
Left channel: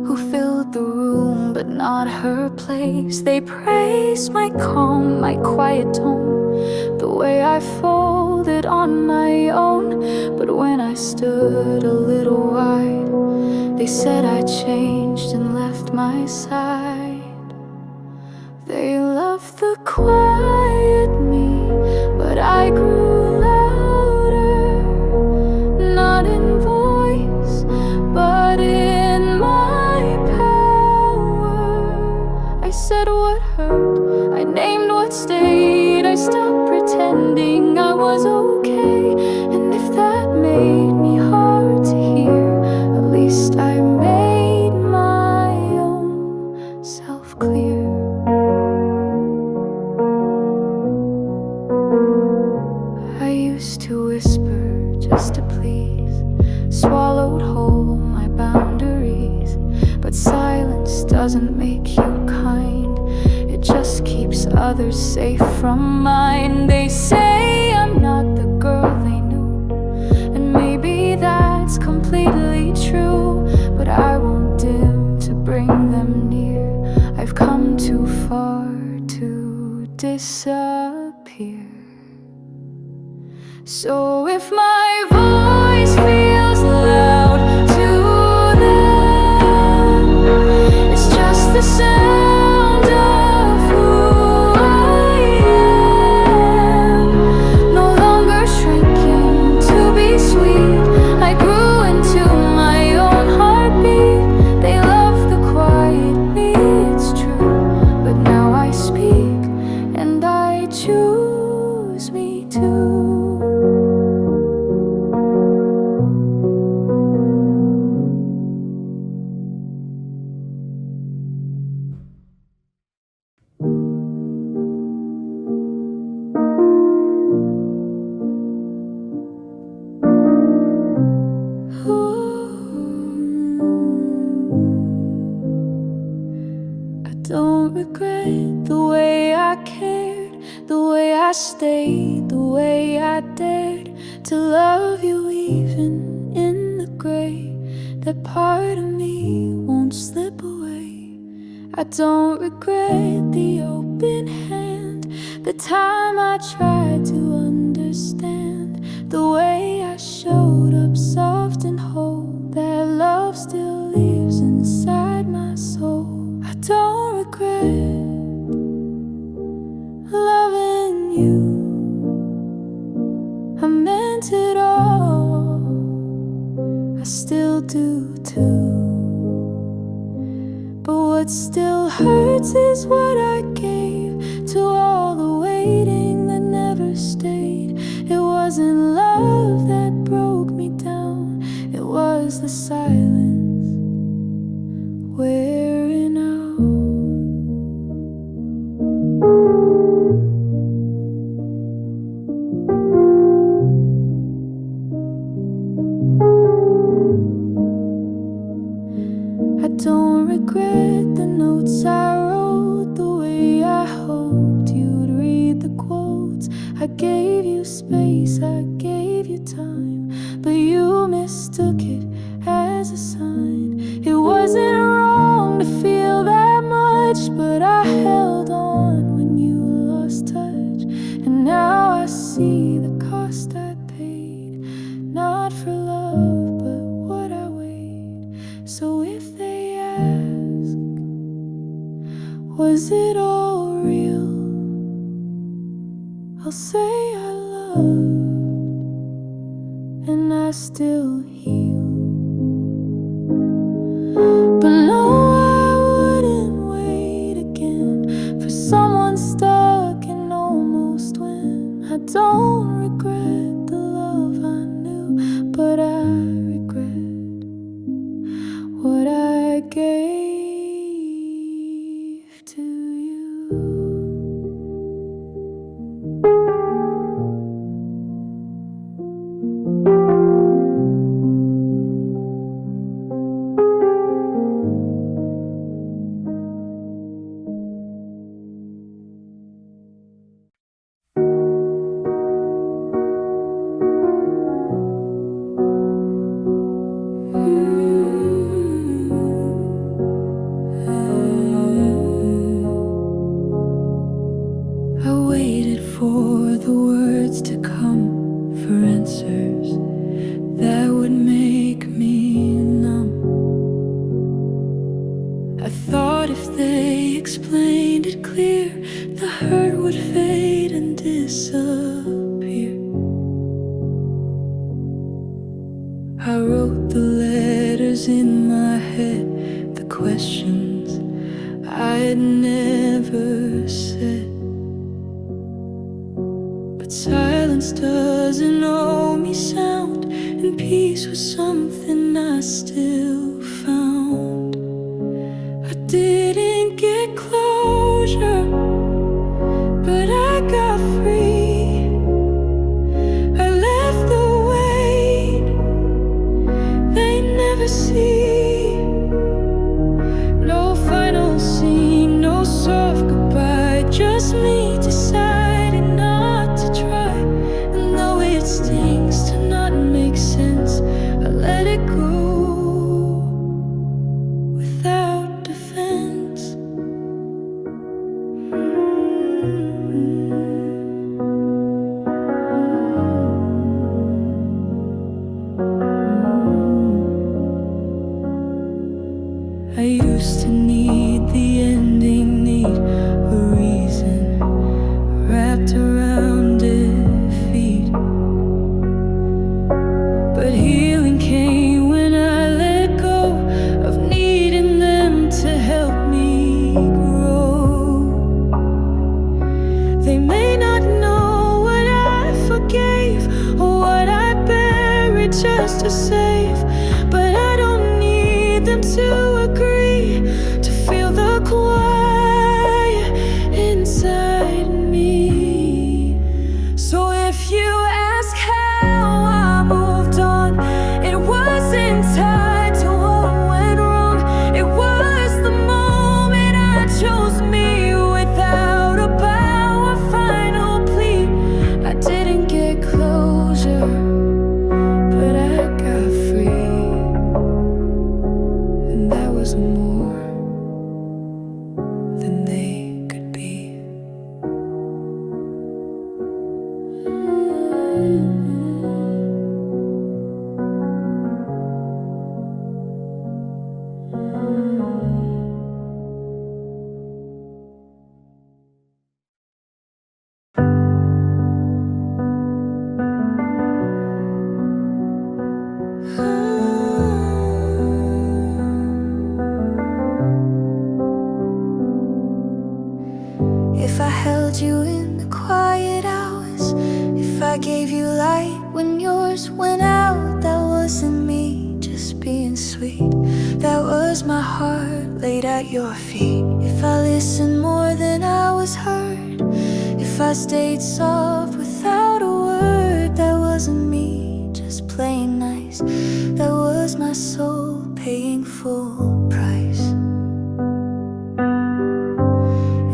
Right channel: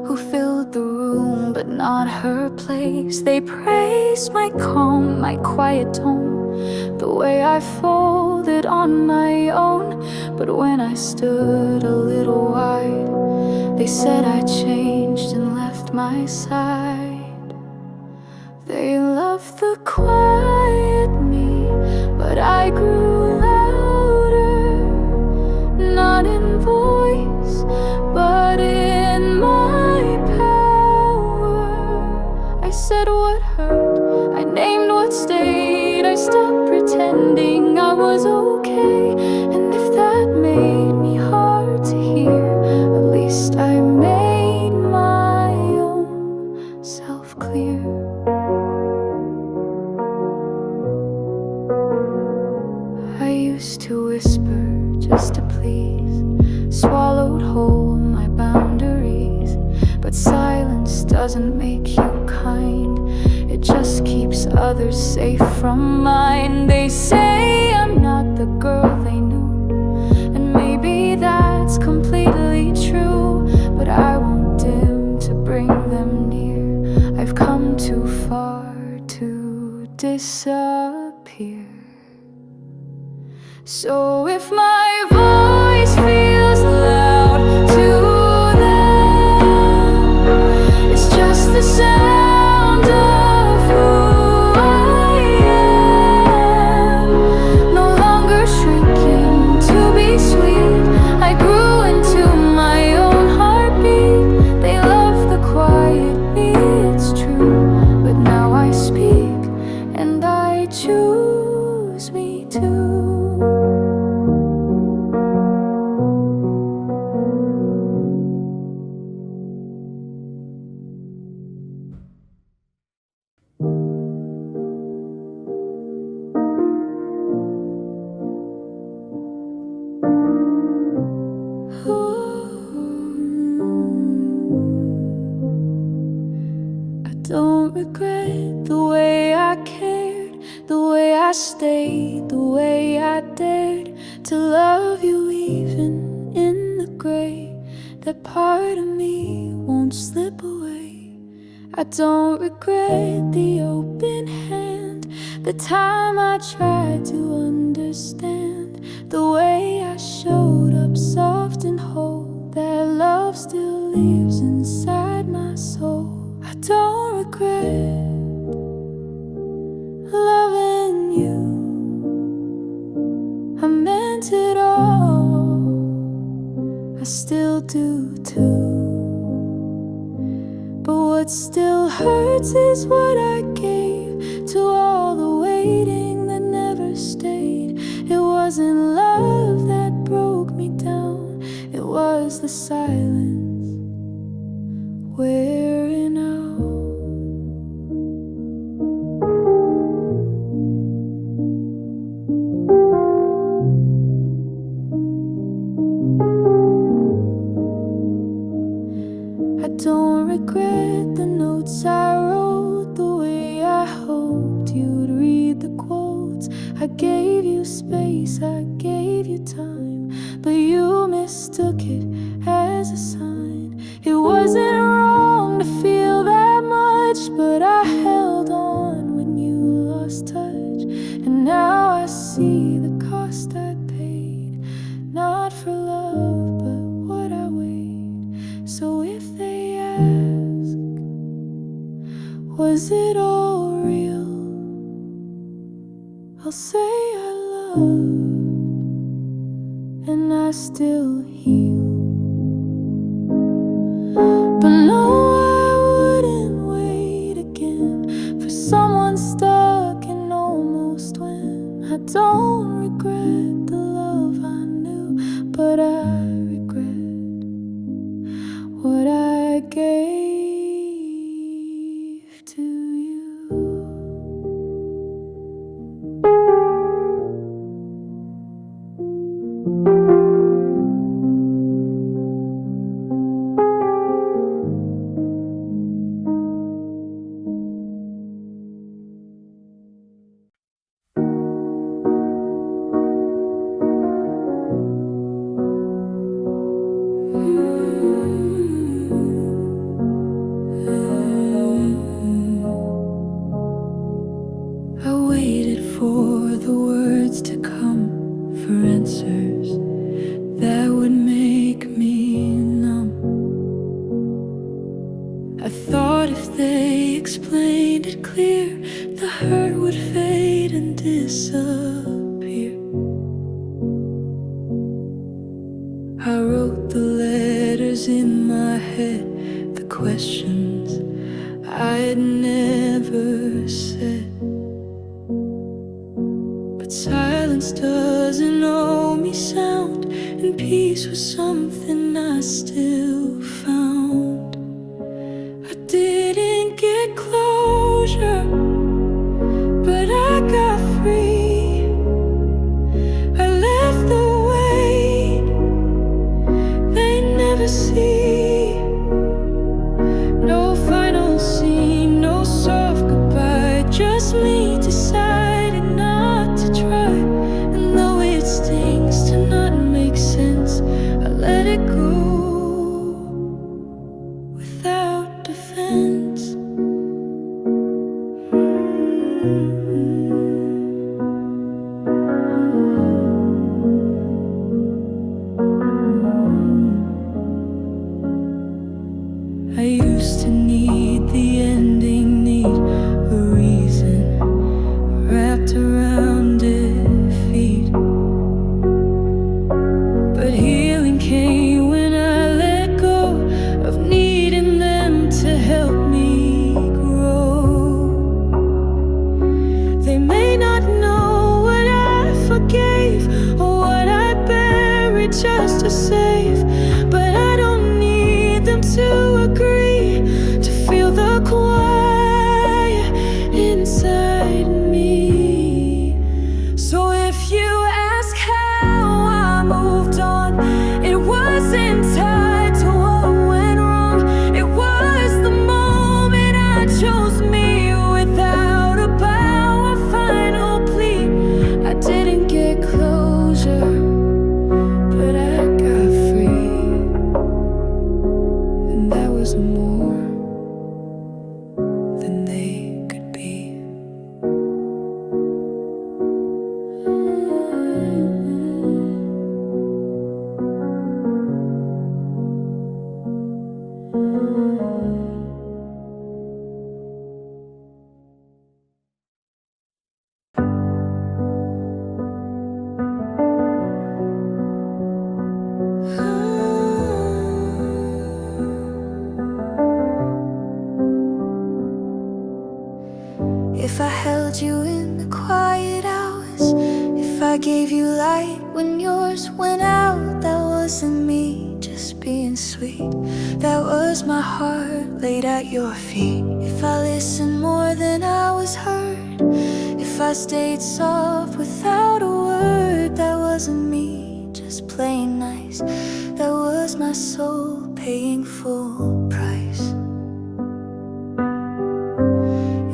who filled the room but not her place. They praised my calm, my quiet tone, the way I folded on my own. But when I stood a little wide, they said I changed and left my side. They loved the quiet me, but I grew louder, not in voice, but in my power. I said what hurt, I named what stayed, I stopped pretending I was okay. And if that made me hard to hear, at least I made my own self clear. I used to whisper just to please, swallowed whole my boundaries. But silence doesn't make you kind, it just keeps others safe from mine. They say I'm not the girl they knew, and maybe that's completely true. But I won't dim to bring them near, I've come too far to disappear. So if my voice feels loud to them, it's just the sound of who I am. No longer shrinking to be sweet, I grew into my own heartbeat. They love the quiet me, it's true, but now I speak and I choose me too. Don't regret the way I cared, the way I stayed, the way I dared to love you even in the gray. That part of me won't slip away. I don't regret the open hand, the time I tried to understand, the way I showed up soft and whole. That lives inside my soul. I don't regret loving you. I meant it all. I still do too. But what still hurts is what I gave to all the waiting that never stayed. It wasn't love that broke me down, it was the silence wearing out. I don't regret the notes I wrote, the way I hoped you'd read the quotes. I gave you space, I gave you time, but you mistook it as a sign. It wasn't wrong to feel that much, but I held on when you lost touch. And now I see the cost I paid, not for love, but what I weighed. So if they ask, was it all real? I'll say I loved, and I still heal. But no, I wouldn't wait again for someone stuck in almost when. I don't regret the love I knew, but I regret what I gave to you. I waited for the words to come, for answers that would make me numb. I thought if they explained it clear, the hurt would fade and disappear. I wrote the letters in my head, the questions I had never said. But silence doesn't owe me sound, and peace was something I still found. I didn't get closure, but I got free. I left the weight they never see. No final scene, no soft goodbye, just me deciding not to try. And though it stings to not make sense, I let it go without defense. I used to need the ending, need a reason wrapped around defeat. But healing came when I let go of needing them to help me grow. They may not know what I forgave or what I buried just to save, but I don't need them to agree to feel the quiet inside me. So if you ask how I moved on, it wasn't tied to what went wrong. It was the moment I chose me without a bow or final plea. I didn't get closure, but I got free. And that was more than they could be. if I held you in the quiet hours, if I gave you light when yours went out. That wasn't me just being sweet, that was my heart laid at your feet. If I listened more than I was heard, if I stayed soft without a word, that wasn't me just playing nice, that was my soul paying full price.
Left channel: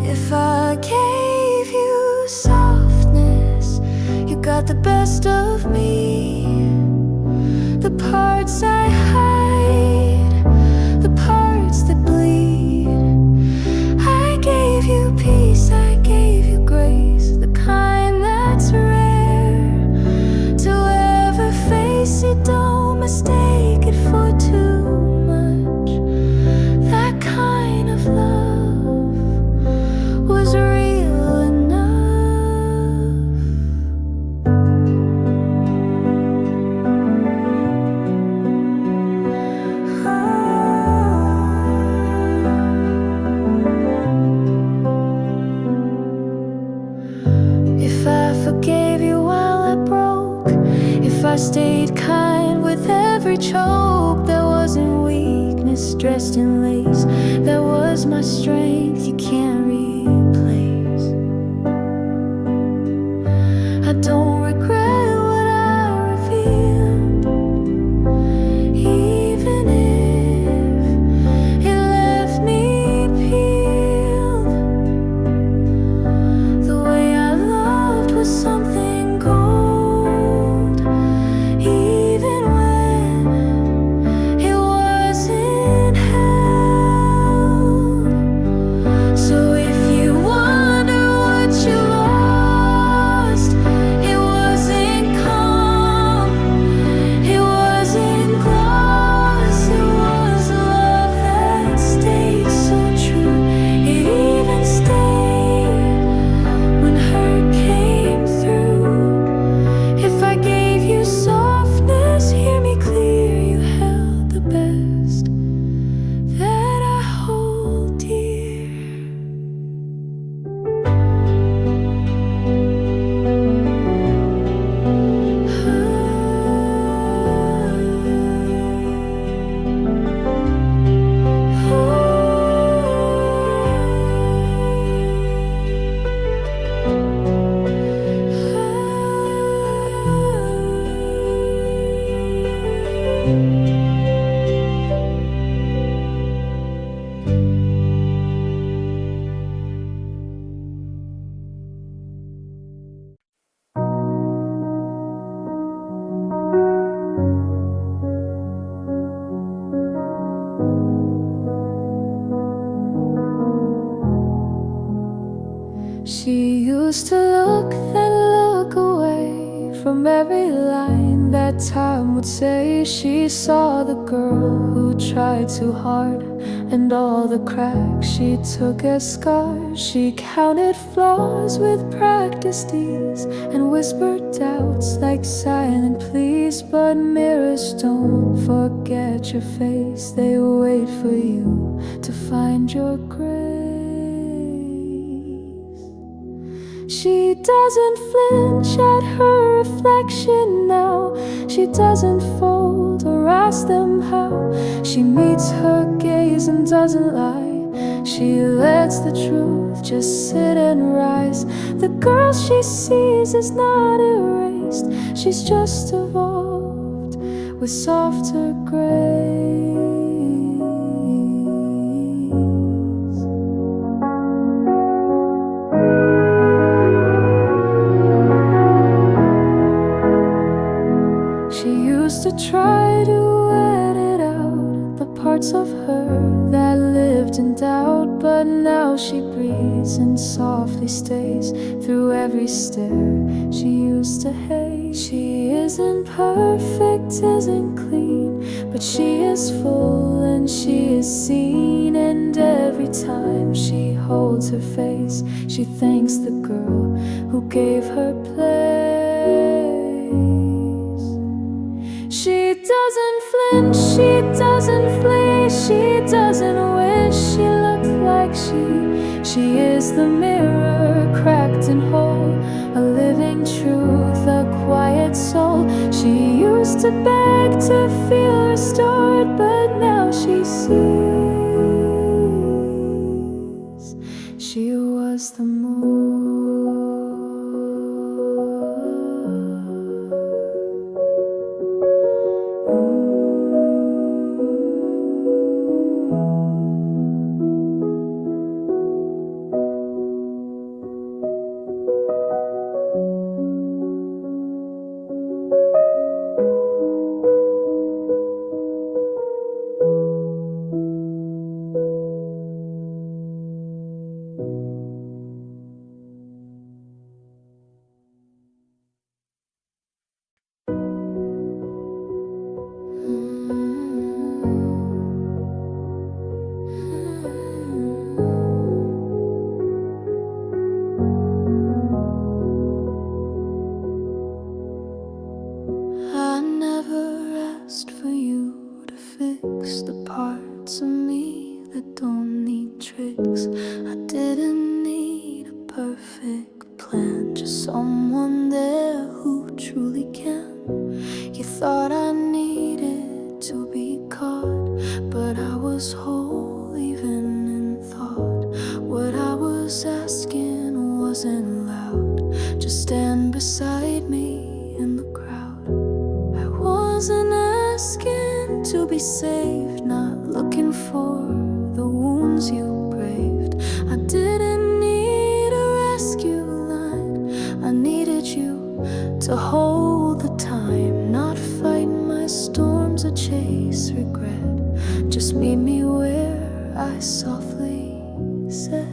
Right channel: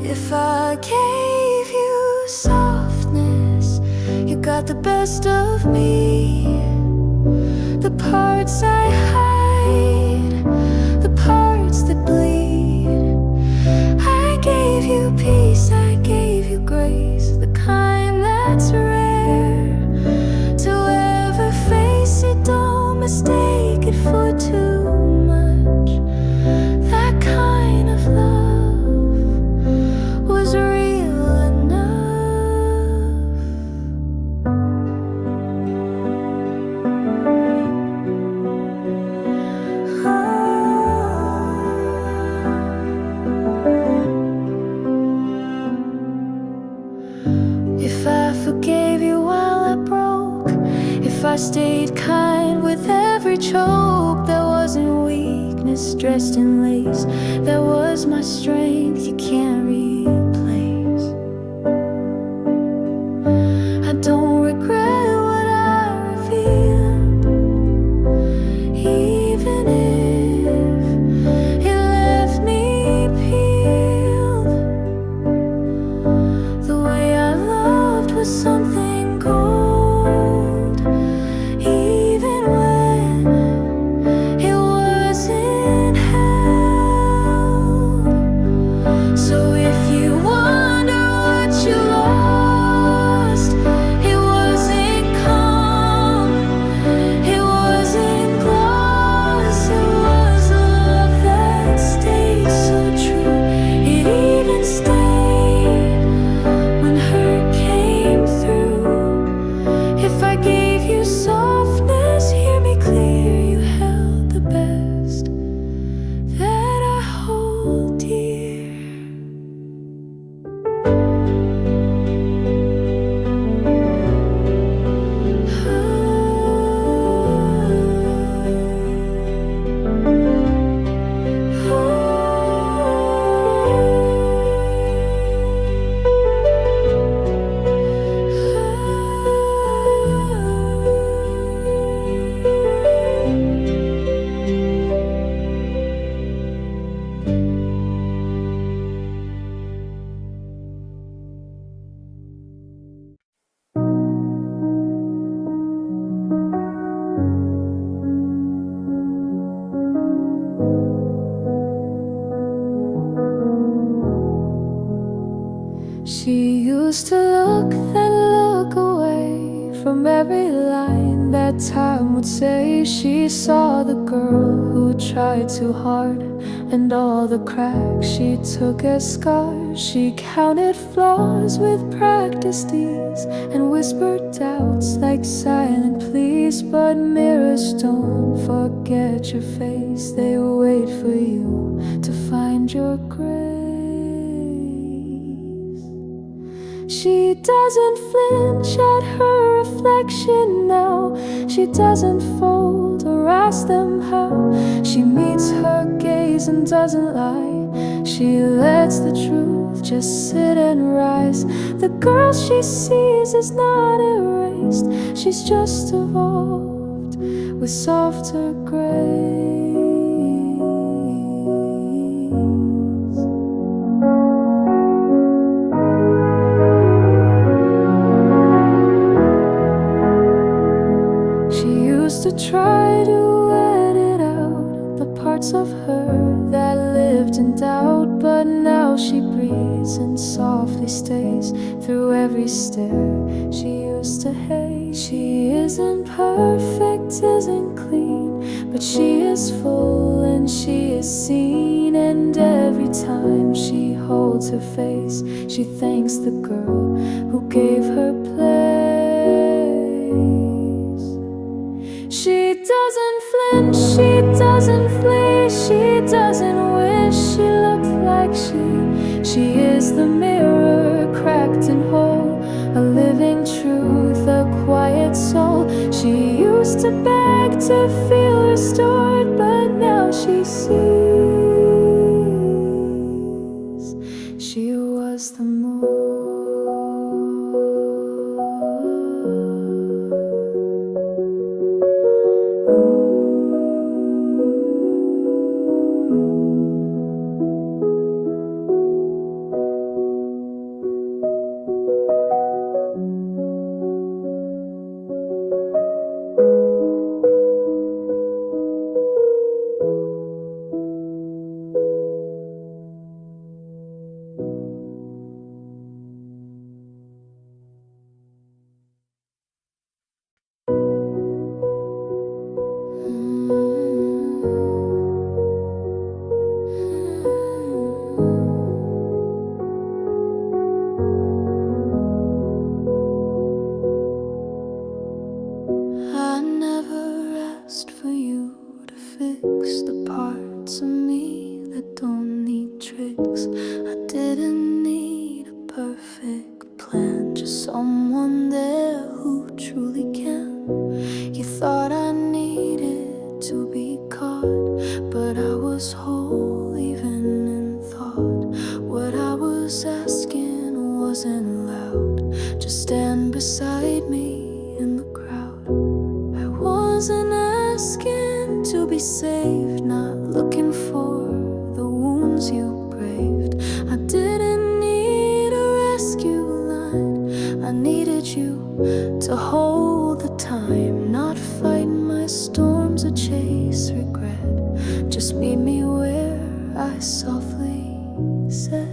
If I gave you softness, you got the best of me. The parts I hide, the parts that bleed. I gave you peace, I gave you grace, the kind that's rare to ever face it. Don't mistake it for too much. That kind of love was real enough. If I forgave you while I broke, if I stayed kind with every choke, that wasn't weakness dressed in lace, that was my strength you can't replace. I don't regret what I revealed, even if it left me peeled. The way I loved was something gold, even when it wasn't held. So if you wonder what you lost, it wasn't calm, it wasn't gloss, it was love that stayed so true. It even stayed when hurt came through. If I gave you softness, hear me clear, you held the best that I hold dear. She used to look, then look away from every line that time would say. She saw the girl who tried too hard, and all the cracks she took as scars. She counted flaws with practiced ease, and whispered doubts like silent pleas. But mirrors don't forget your face, they wait for you to find your grace. She doesn't flinch at her reflection now, she doesn't fold or ask them how. She meets her gaze and doesn't lie, she lets the truth just sit and rise. The girl she sees is not erased, she's just evolved with softer grace. She used to try to edit out the parts of her that lived in doubt, but now she breathes and softly stays through every stare she used to hate. She isn't perfect, isn't clean, but she is full and she is seen. And every time she holds her face, she thanks the girl who gave her place. She doesn't flinch, she doesn't flee, she doesn't wish she looked like she is the mirror complete and whole, a living truth, a quiet soul. She used to beg to feel restored, but now she sees she was the moon. I never asked for you to fix the parts of me that don't need tricks. I didn't need a perfect plan, just someone there who truly can. You thought I needed to be caught, but I was whole even in thought. What I was asking wasn't loud, just stand beside me in the crowd. I wasn't asking to be saved, not looking for the wounds you braved. I didn't need a rescue line, I needed you to hold the time, not fight my storms or chase regret. Just meet me where I softly said.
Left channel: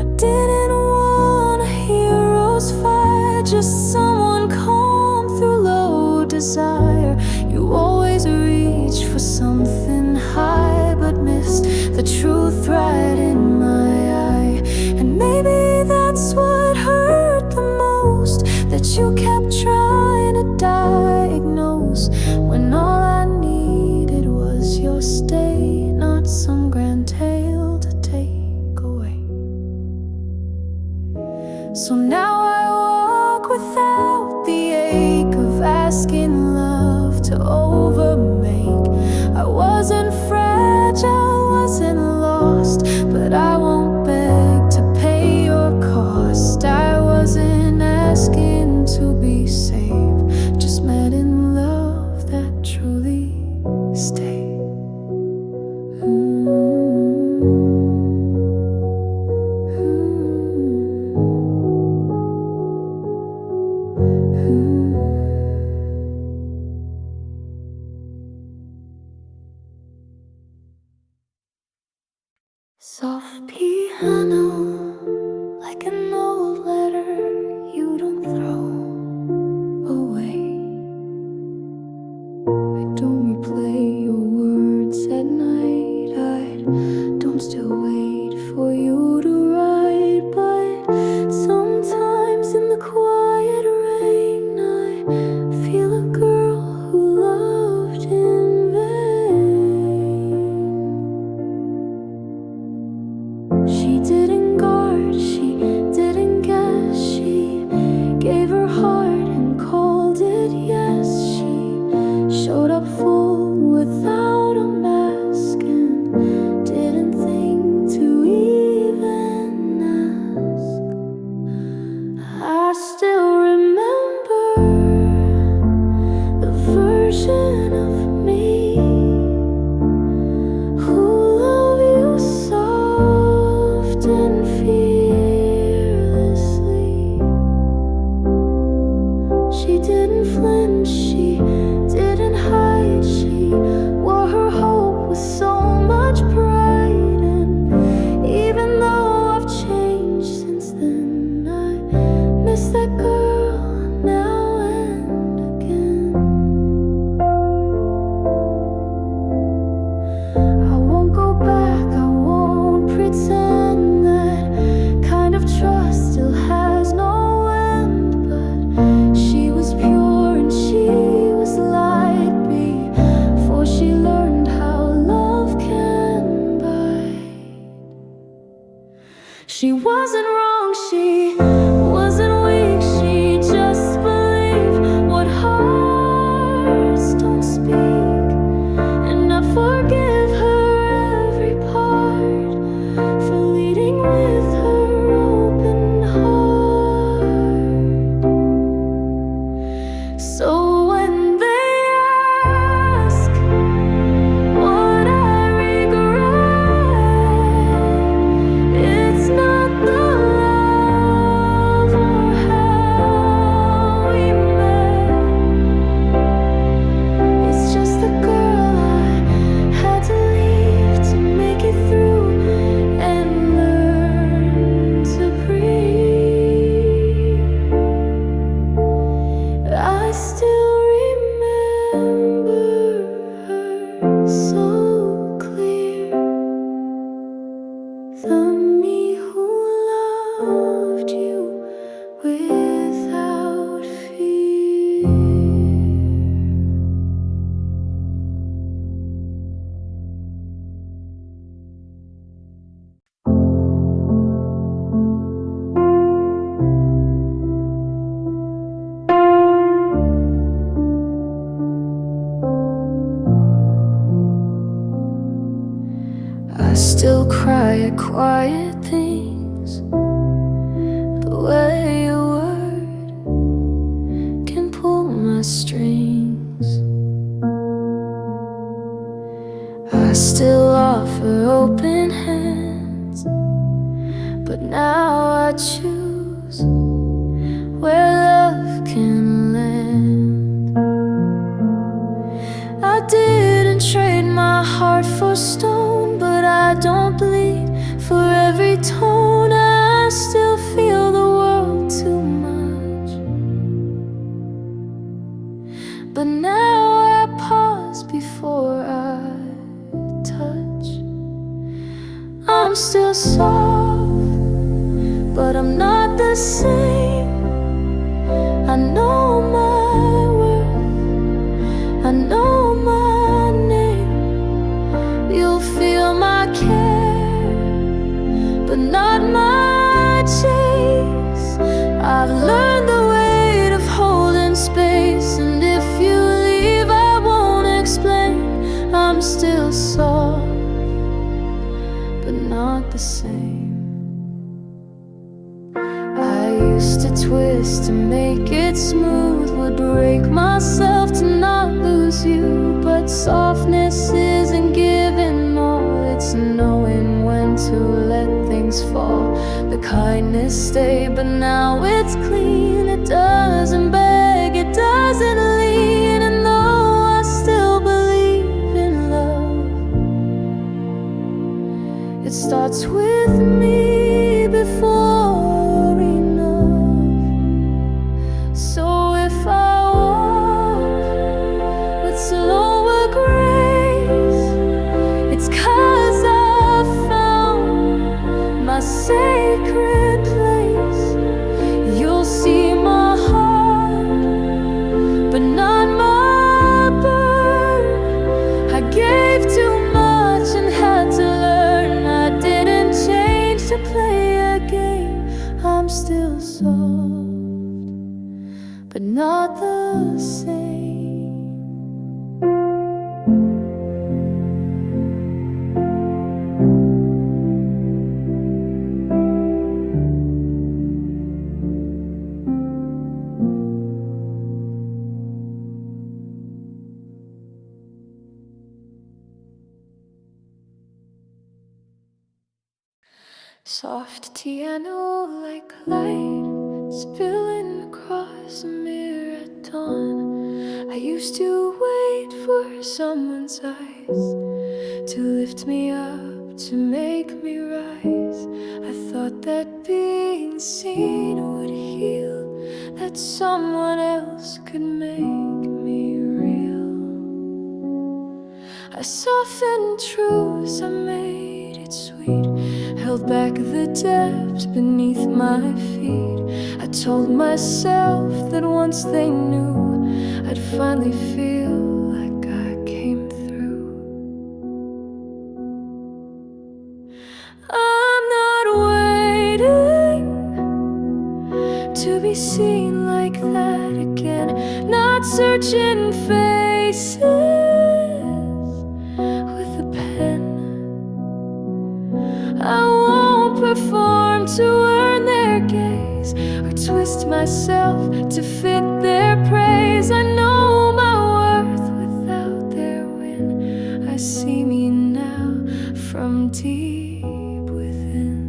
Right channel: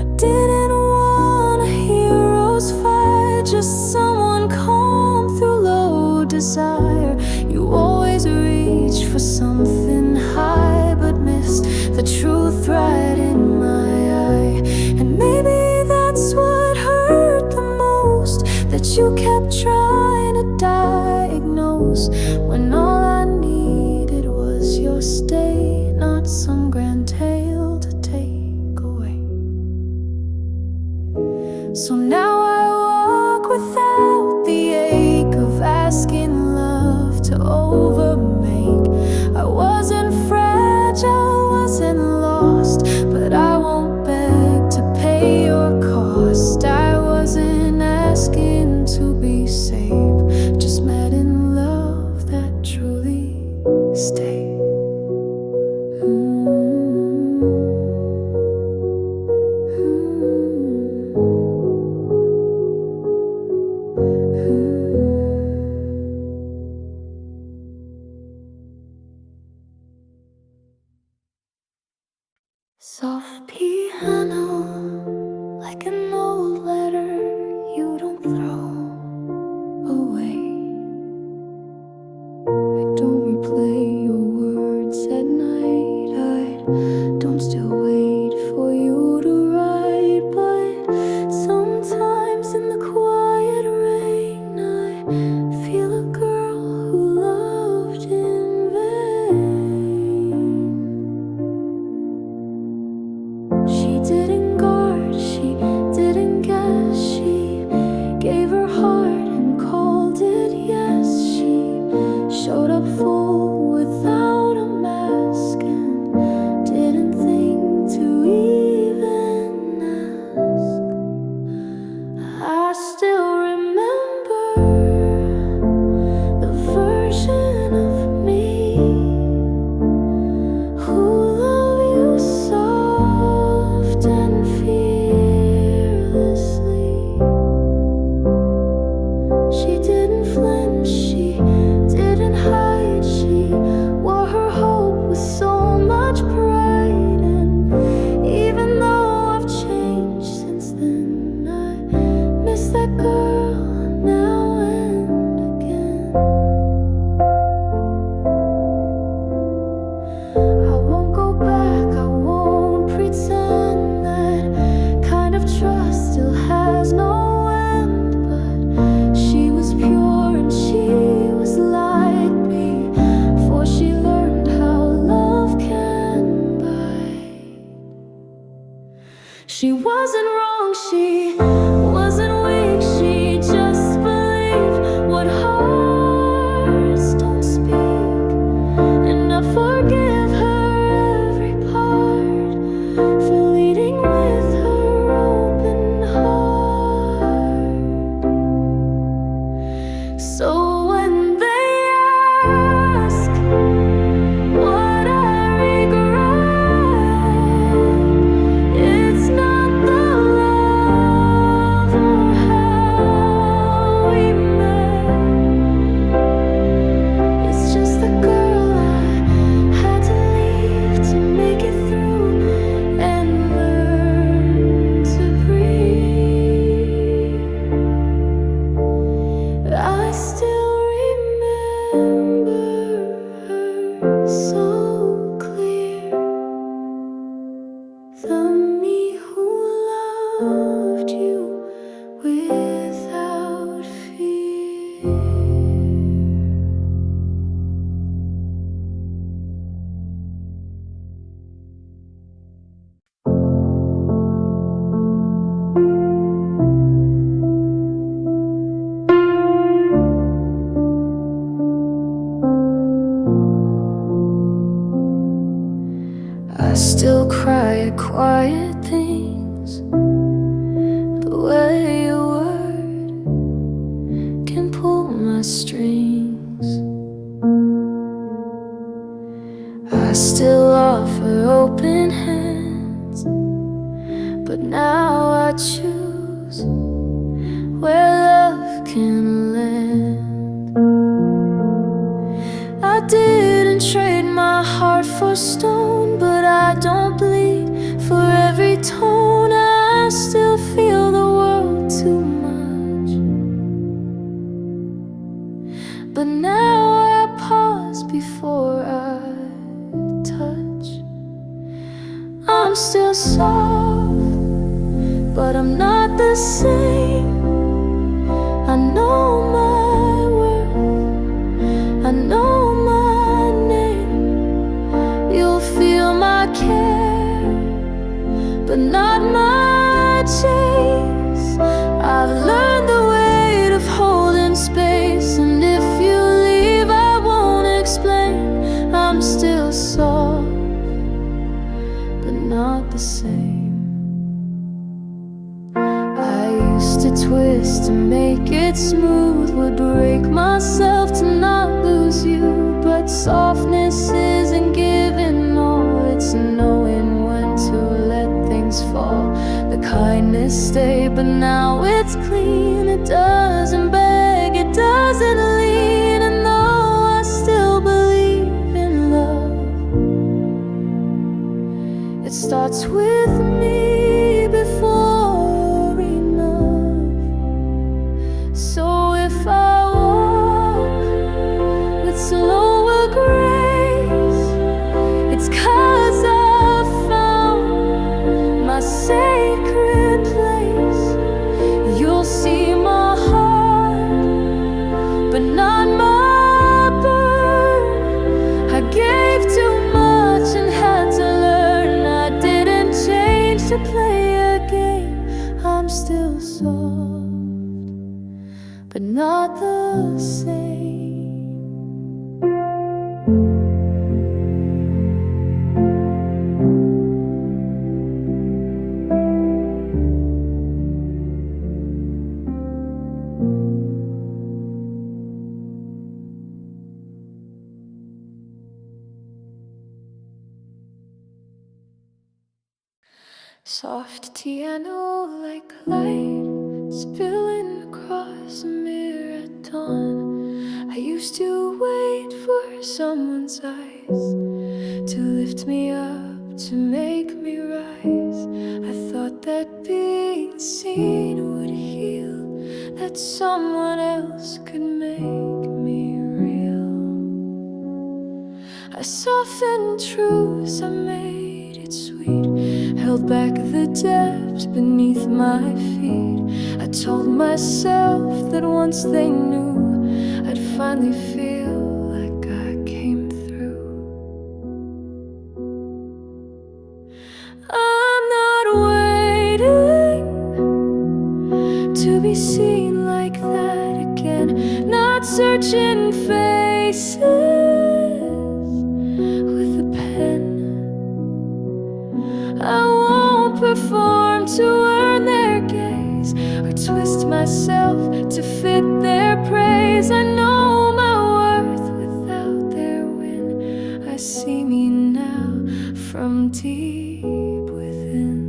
I didn't want a hero's fight, just someone calm through low desire. You always reached for something high, but missed the truth right in my eye. And maybe that's what hurt the most, that you kept trying to diagnose, when all I needed was your stay, not some grand tale to take away. So now I walk without the ache of asking love to overmake. I wasn't fragile, wasn't lost, but I won't beg to pay your cost. I wasn't asking to be saved, just met in love that truly stayed. Soft piano, like an old letter you don't throw away. I don't replay your words at night, I don't still wait for you to write. But sometimes in the quiet rain I feel a girl who loved in vain. She didn't guard, she didn't guess, she gave her heart and called it yes. She showed up full without a mask and didn't think to even ask. I still remember the version of me who loved you soft and fearlessly. She didn't flinch, she didn't hide, she wore her hope with so much pride. And even though I've changed since then, I miss that girl now and again. I won't go back, I won't pretend that kind of trust still has no end. But she was pure and she was like before she learned how love can bite. make it through and learn to breathe. I still remember her so clear, the me who loved you without fear. I still cry at quiet things, the way a word can pull my strings. I still offer open hands, but now I choose where love can land. I didn't trade my heart for stone, but I don't bleed for every tone. I still feel the world too much, but now I pause before I touch. I'm still soft, but I'm not the same. I know my worth, I know my name. You'll feel my care, but not my chase. I've learned the weight of holding space, and if you leave I won't explain. I'm still soft, but not the same. I used to twist to make it smooth, would break myself to not lose you. But softness isn't giving all, it's knowing when to let things fall. The kindness stay, but now it's clean. It doesn't beg, it doesn't lean. And though I still believe in love, it starts with me before enough. So if I walk with slower grace, it's 'cause I've found my sacred place. You'll see my heart, but not my burn. I gave too much and had to learn. I didn't change to play a game. I'm still soft, but not the same. Soft piano like light spilling across a mirror at dawn. I used to wait for someone's eyes to lift me up, to make me rise. I thought that being seen would heal, that someone else could make me real. I softened truths, I made it sweet, held back the depths beneath my feet. I told myself that once they knew, I'd finally feel like I came through. I'm not waiting to be seen like that again, not searching faces with a pen. I won't perform to earn their gaze, or twist myself to fit their praise. I know my worth without their win. I see me now from deep within.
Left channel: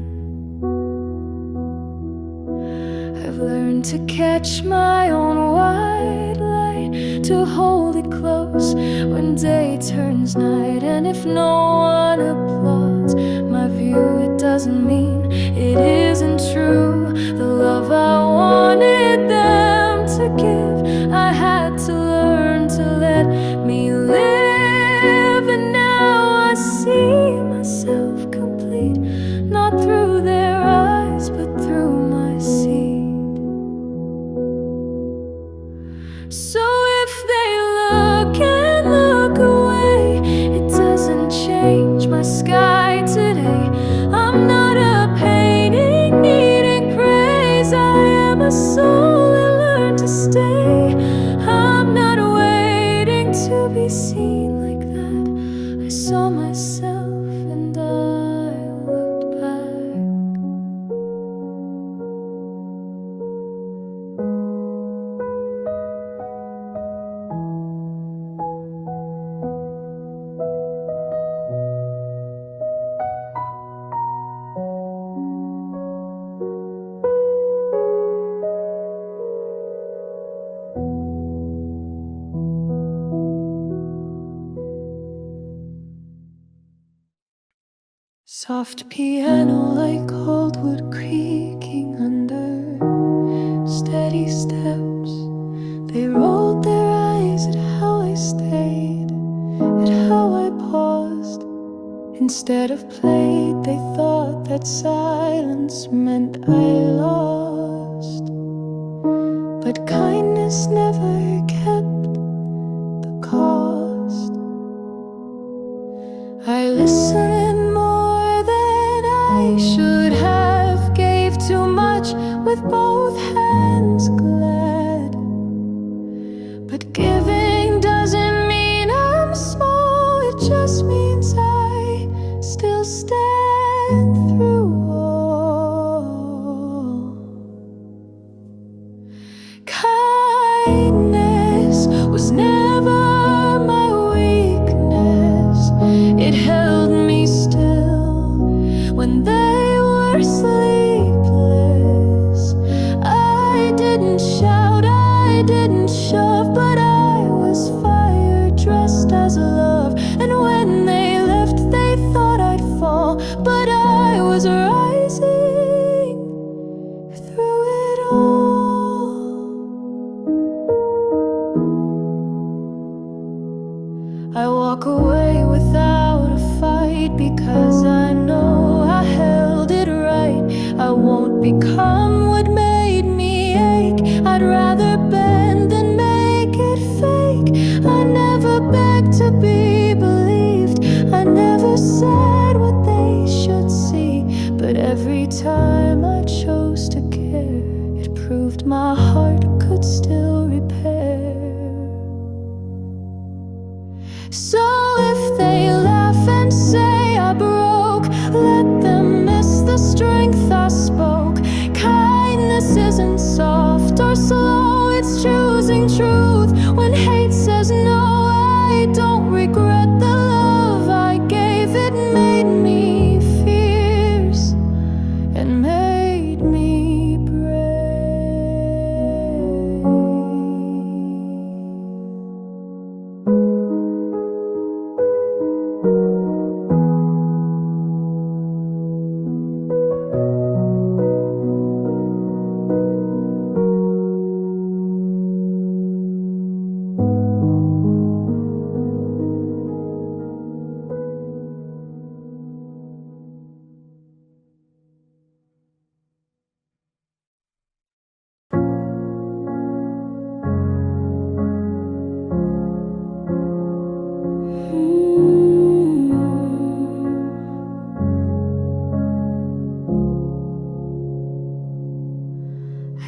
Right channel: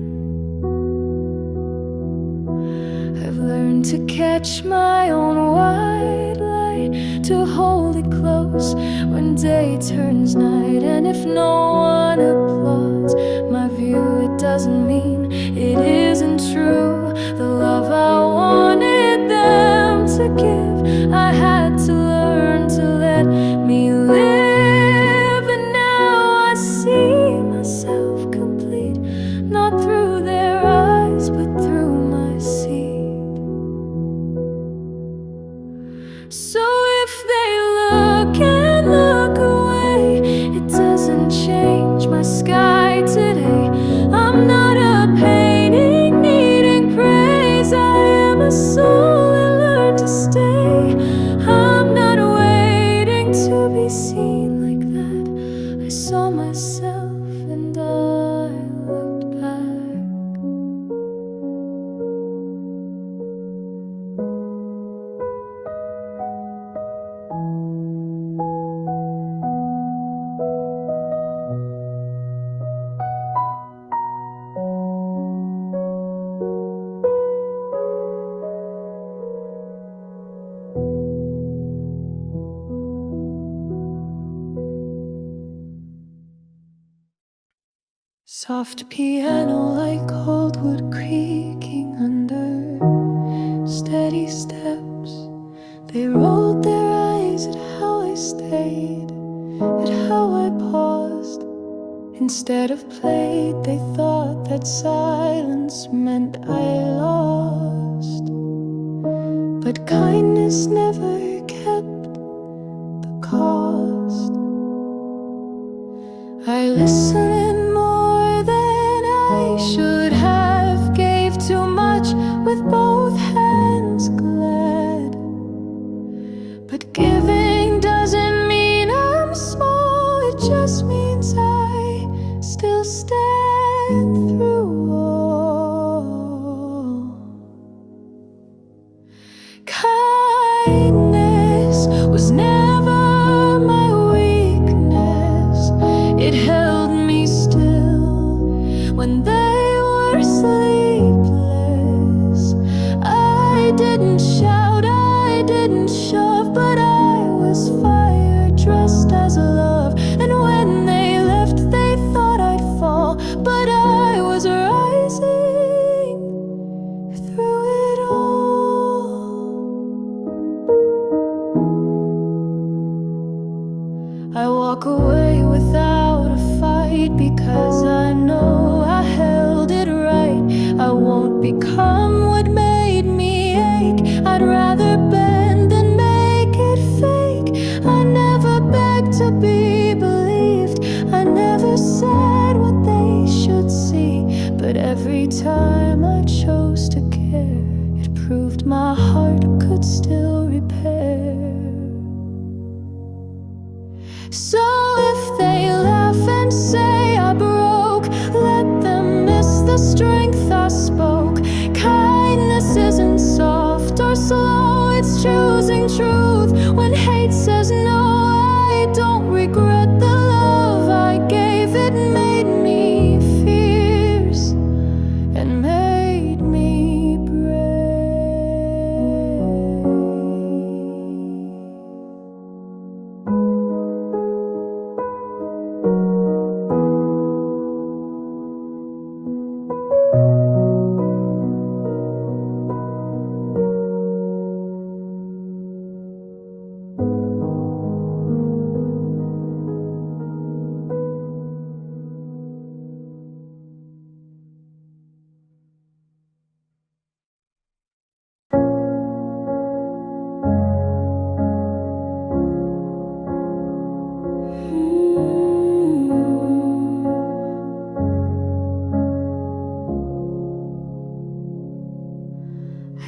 I've learned to catch my own white light wait to hold it close when day turns night. And if no one applauds my view, it doesn't mean it isn't true. The love I wanted them to give, I had to learn to let me live. And now I see myself complete, not through their eyes but through my seed. So if they look and look away, it doesn't change my sky today. I'm not a painting needing praise, I am a soul that learned to stay. I'm not waiting to be seen like that. I saw myself and I looked back. Soft piano like cold wood creaking under steady steps. They rolled their eyes at how I stayed, at how I paused. Instead of played, they thought that silence meant I lost. But kindness never kept the cost. I listened more than I should have, gave too much with both hands glad. But giving doesn't mean I'm small, it just means I still stand through all. Kindness was never my weakness, it held me still when they were sleepless. I didn't shout, I didn't shove, but I was fire dressed as love. And when they left, they thought I'd fall, but I was rising through it all. I walk away without a fight because I know I held it right. I won't become what made me ache. I'd rather bend than make it fake. I never begged to be believed, I never said what they should see. But every time I chose to care, it proved my heart could still repair. So if they laugh and say I broke, let them miss the strength I spoke. Kindness isn't soft or slow, it's choosing truth when hate says no. I don't regret the love I gave, it made me fierce and made me brave.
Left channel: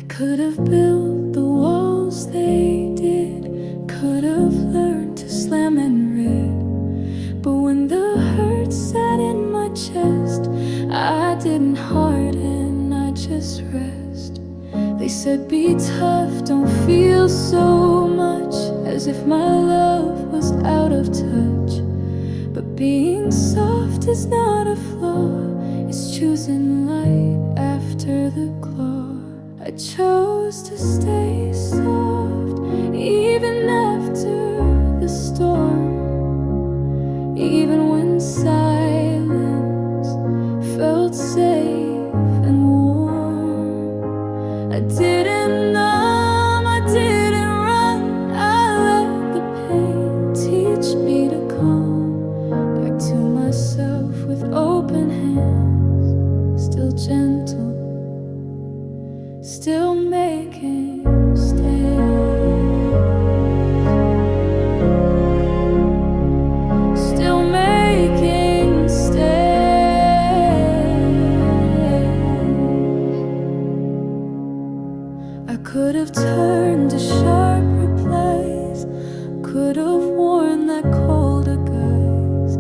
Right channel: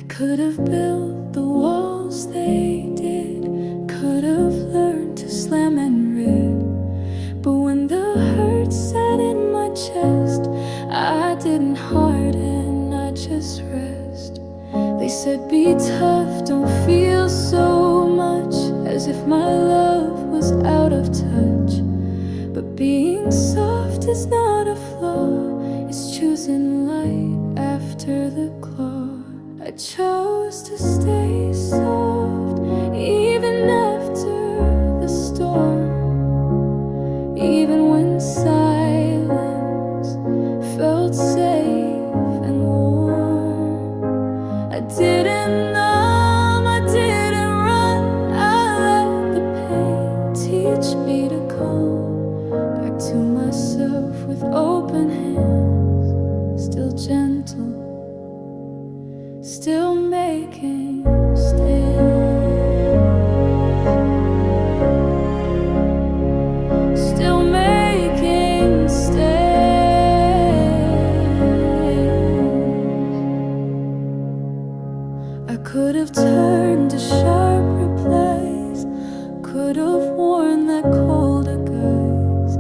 Could have built the walls they did, could have learned to slam and read. But when the hurt sat in my chest, I didn't harden, I just rest. They said be tough, don't feel so much, as if my love was out of touch. But being soft is not a flaw, it's choosing light after the claw. I chose to stay soft, even after the storm, even when silence felt safe and warm. I didn't numb, I didn't run, I let the pain teach me to come back to myself with open hands, still gentle, still making stays, still making stays. I could have turned to sharp replies, could have worn that colder guise,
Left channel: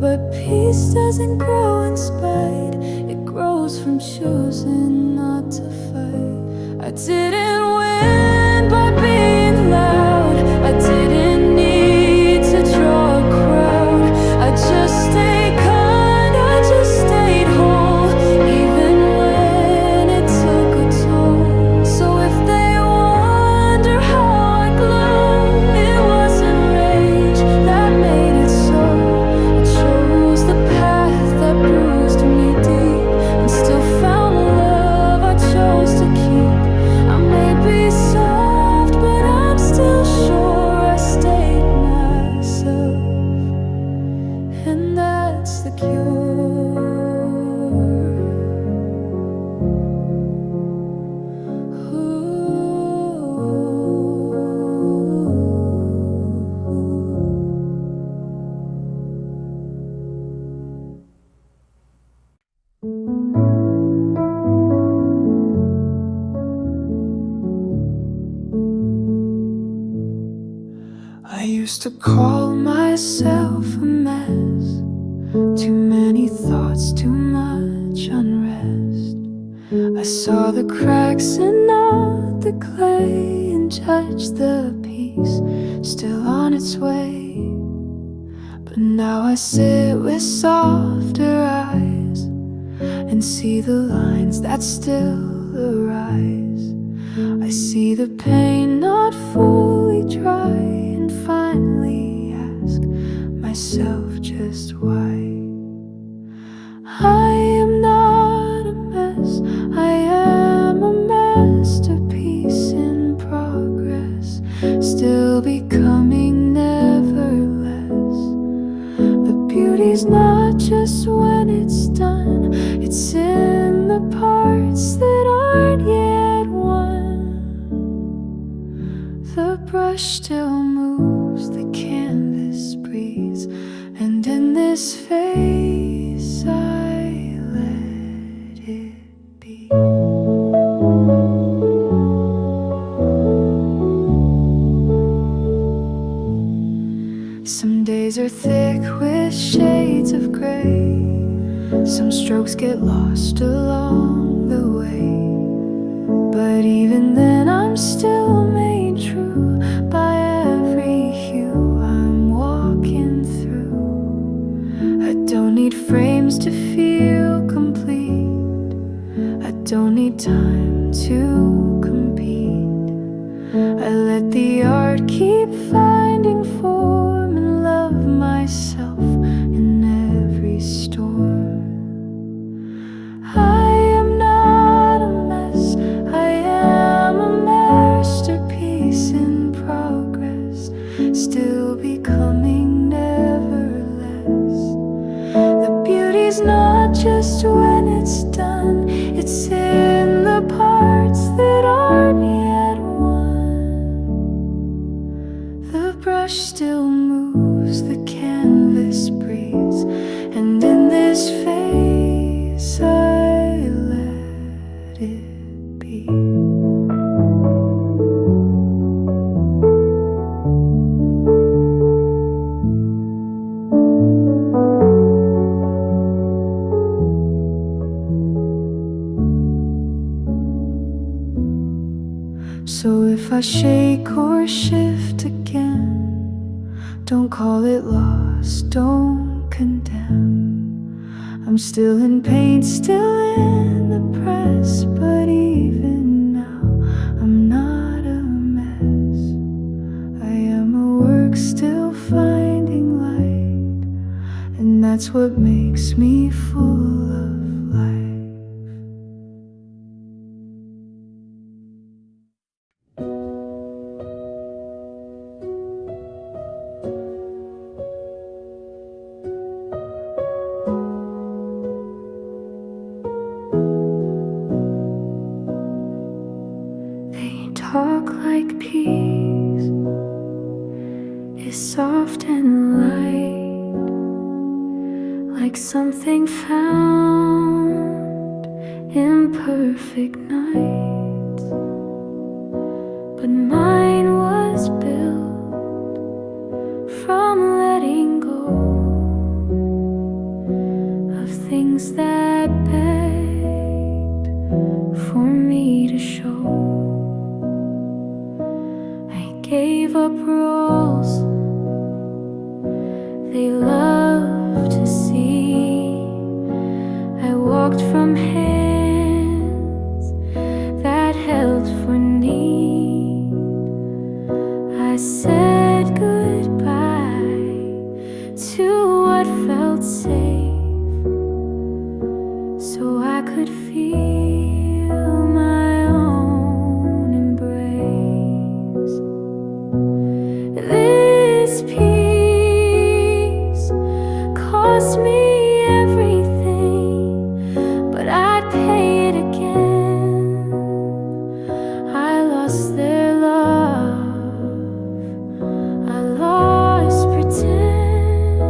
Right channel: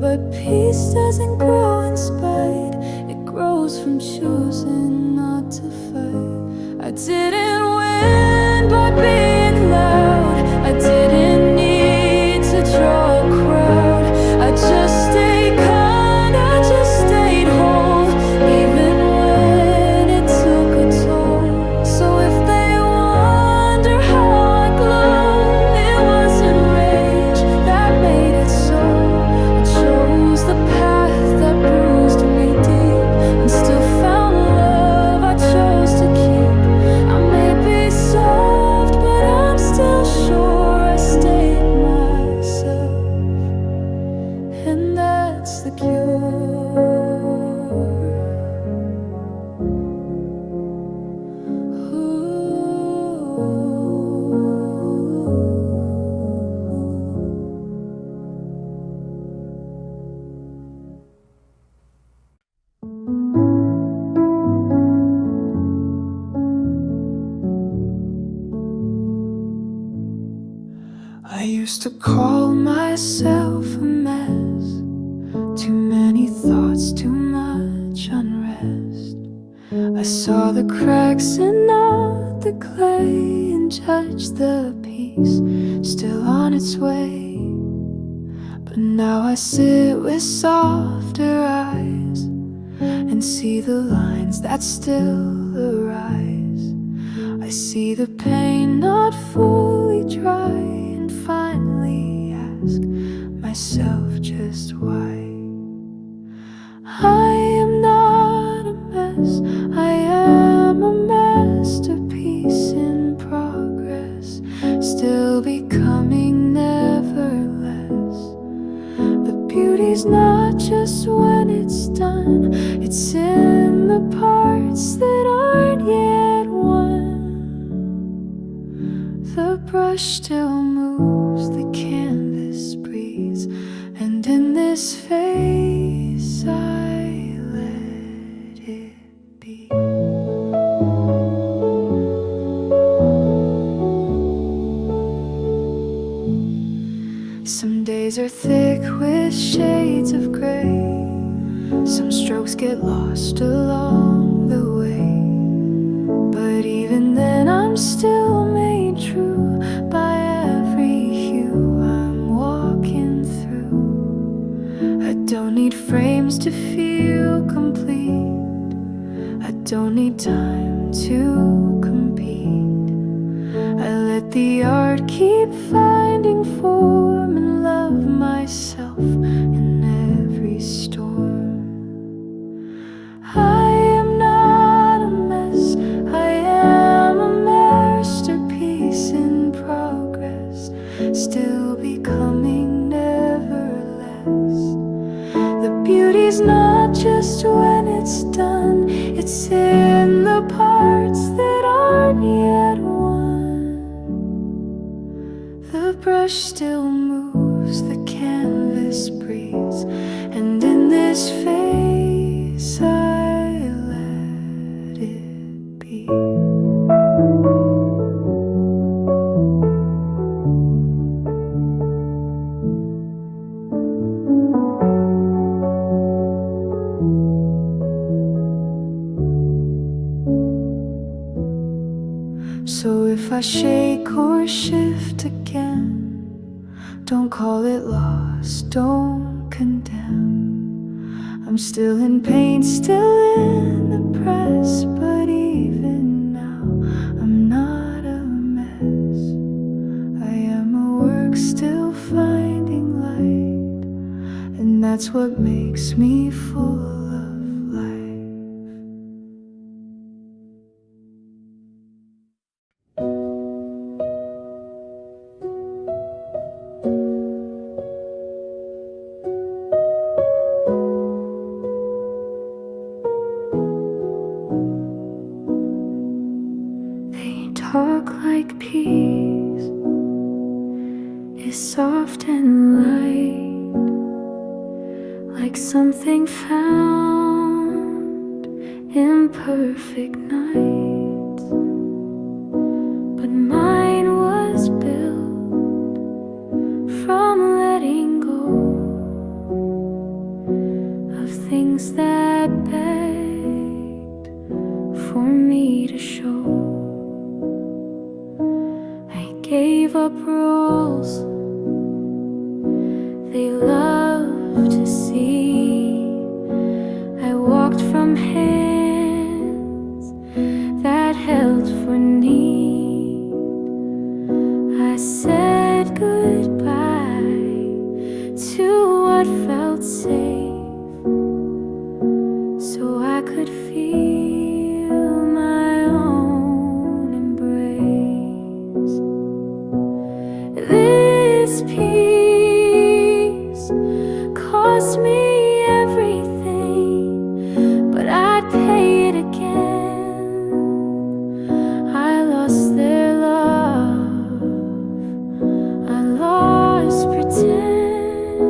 but peace doesn't grow in spite, it grows from choosing not to fight. I didn't win by being loud, I didn't need to draw a crowd, I just stayed kind, I just stayed whole, even when it took a toll. So if they wonder how I glow, it wasn't rage that made it so. I chose the path that bruised me deep and still found love I chose to keep. I may be soft, but I'm still sure I stayed myself, and that's the cure. I used to call myself a mess, too many thoughts, too much unrest. I saw the cracks and not the clay, and judged the piece still on its way. But now I sit with softer eyes and see the lines that still arise. I see the pain not fully dry, and finally ask myself just why. I am not a mess, I am a masterpiece in progress, still becoming, never less. The beauty's not just when it's done, it's in the parts that aren't yet won. The brush still moves, the canvas breathes, and in this phase I let it be. Some days are thick with shades of gray, some strokes get lost along the way, but even then I'm still made true by every hue I'm walking through. I don't need frames to feel complete, I don't need time to compete. I let the art keep finding form and love myself in every storm. I am not a mess, I am a masterpiece in progress, still becoming, never less. The beauty's not just when it's done, it's in the parts that aren't yet won. The brush still moves, the canvas breathes, and in this phase I let it be. So if I shake or shift again, don't call it loss, don't condemn. I'm still in pain, still in the press, but even now I'm not a mess. dark, still finding light, and that's what makes me full of life. They talk like peace is soft and light, like something found in perfect nights. But mine was built from letting go of things that begged for me to show. I gave up rules they love to see. I walked from hands that held for need. I said goodbye to what felt safe, so I could feel my own embrace. This peace cost me everything, but I'd pay it again. I lost their love, I lost pretend.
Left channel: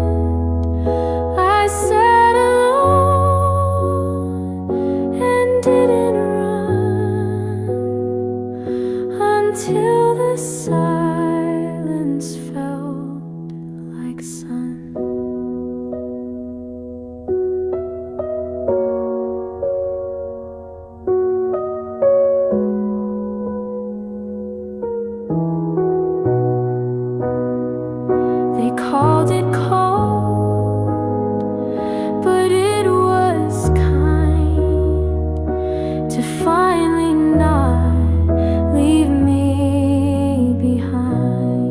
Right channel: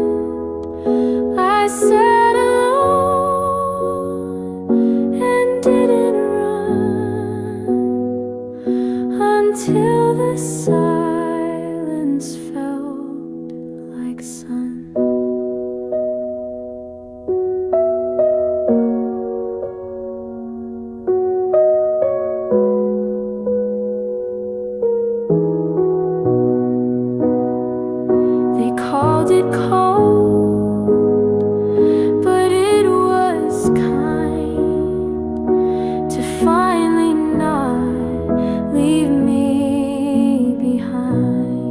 I sat alone and didn't run until the silence felt like sun. They called it cold, but it was kind to finally not leave me behind.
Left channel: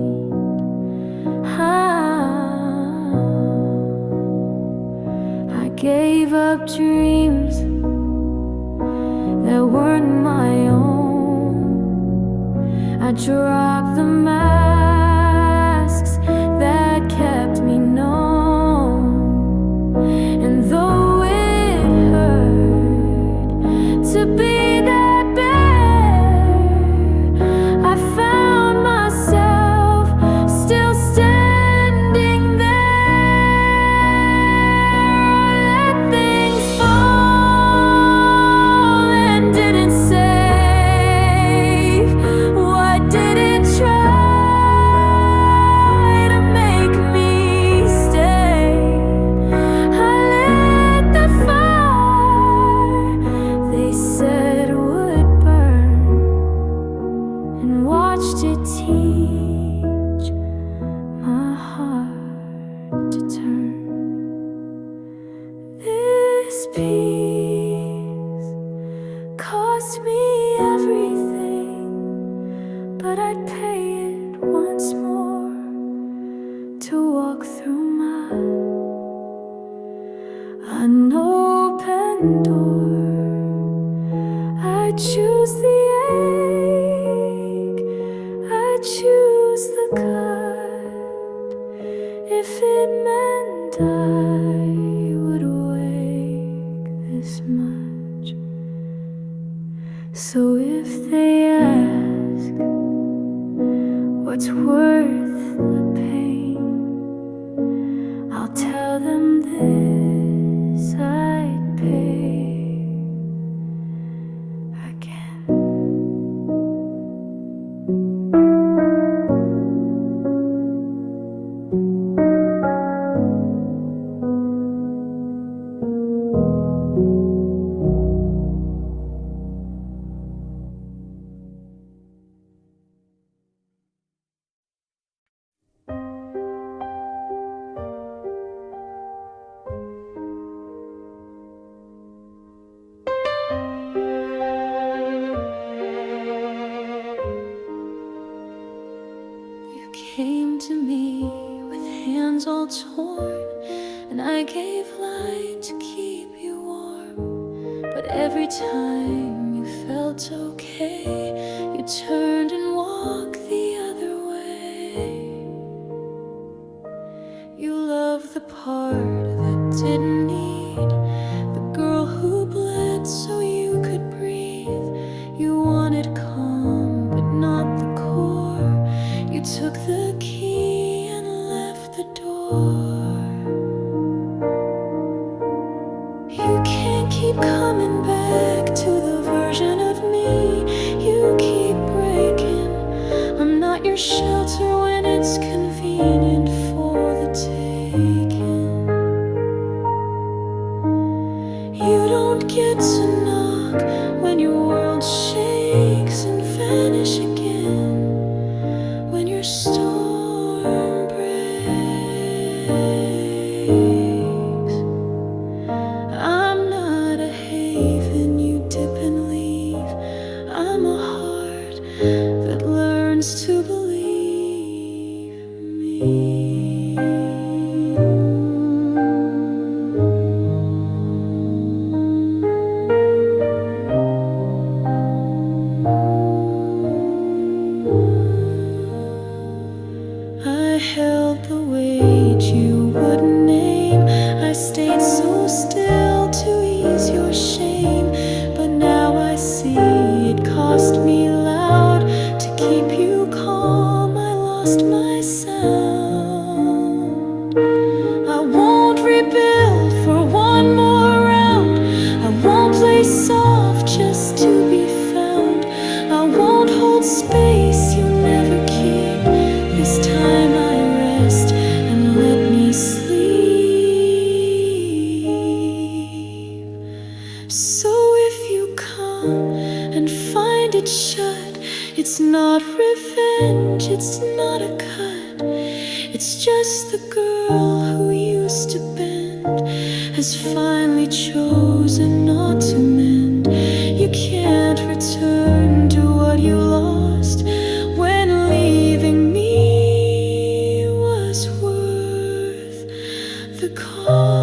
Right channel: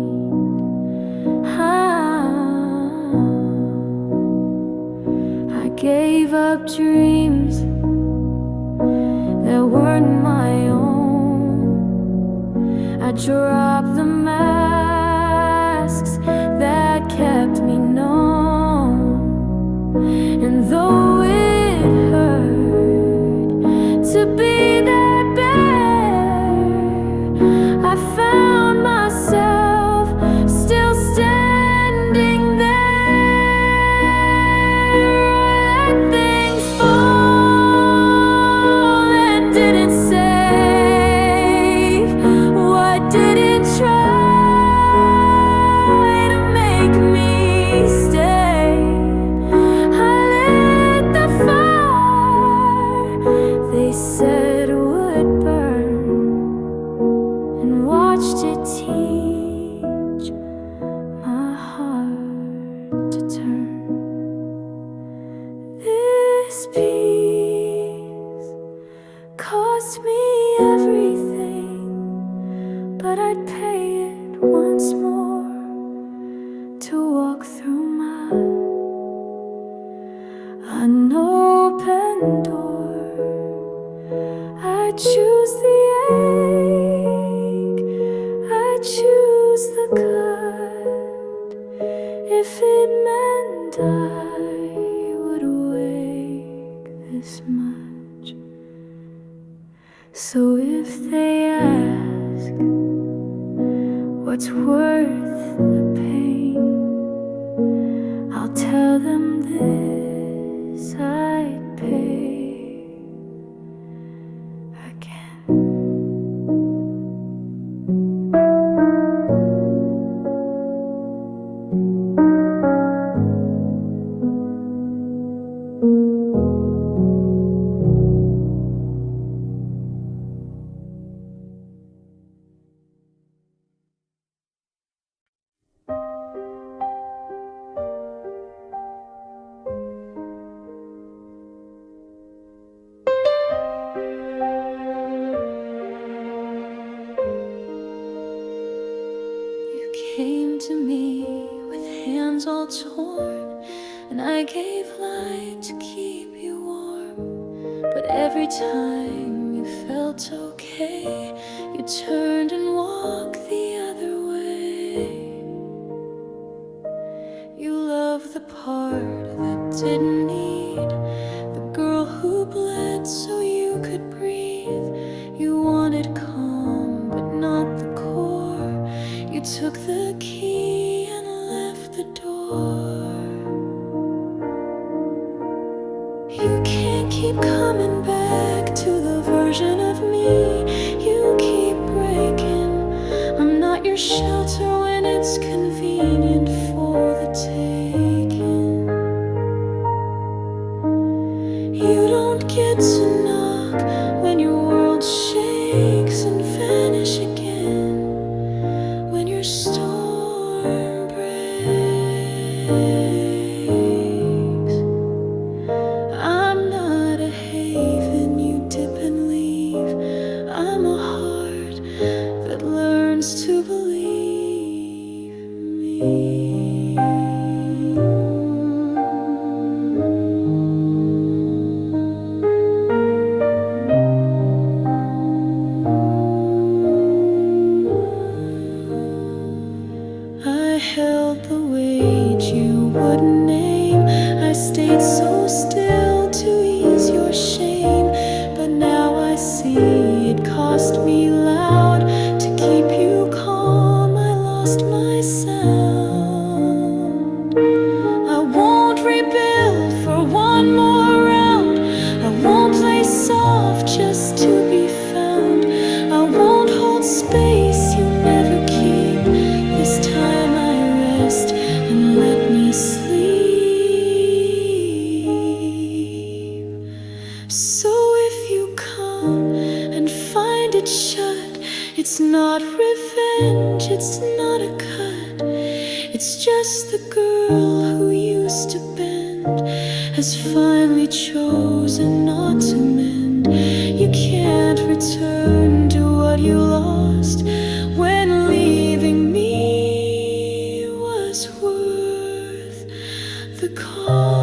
I gave up dreams that weren't my own. I dropped the masks that kept me known. And though it hurt to be that bare, I found myself still standing there. I let things fall and didn't save what didn't try to make me stay. I lit the fire they said would burn, and watched it teach my heart to turn. This peace cost me everything, but I'd pay it once more to walk through my unopened door. I choose the ache, I choose the cut, if it meant I would wake this much. So if they ask what's worth the pain, I'll tell them this I'd pay again. me with hands all torn, and I gave light to keep you warm. But every time you felt okay, you turned and walked the other way. You loved the part that didn't need, the girl who bled so you could breathe. You wanted calm but not the core. You took the key and left the door. You can't keep coming back to the version of me you keep breaking. I'm not your shelter when it's convenient for the taking. You don't get to knock when your world shakes and vanish again, when your storm breaks. I'm not a haven you dip and leave. I'm a heart that learns to believe me. I held the weight you wouldn't name. I stayed so still to ease your shame. But now I see it cost me loud to keep you calm. I lost my sound. I won't rebuild for one more round. I won't play soft just to be found. I won't hold space you never keep. This time I rest and let me sleep. So if you come and find it shut, it's not revenge, it's not a cut. It's just the girl who used to bend has finally chosen not to mend. You can't return to what you lost when leaving me was worth the cost.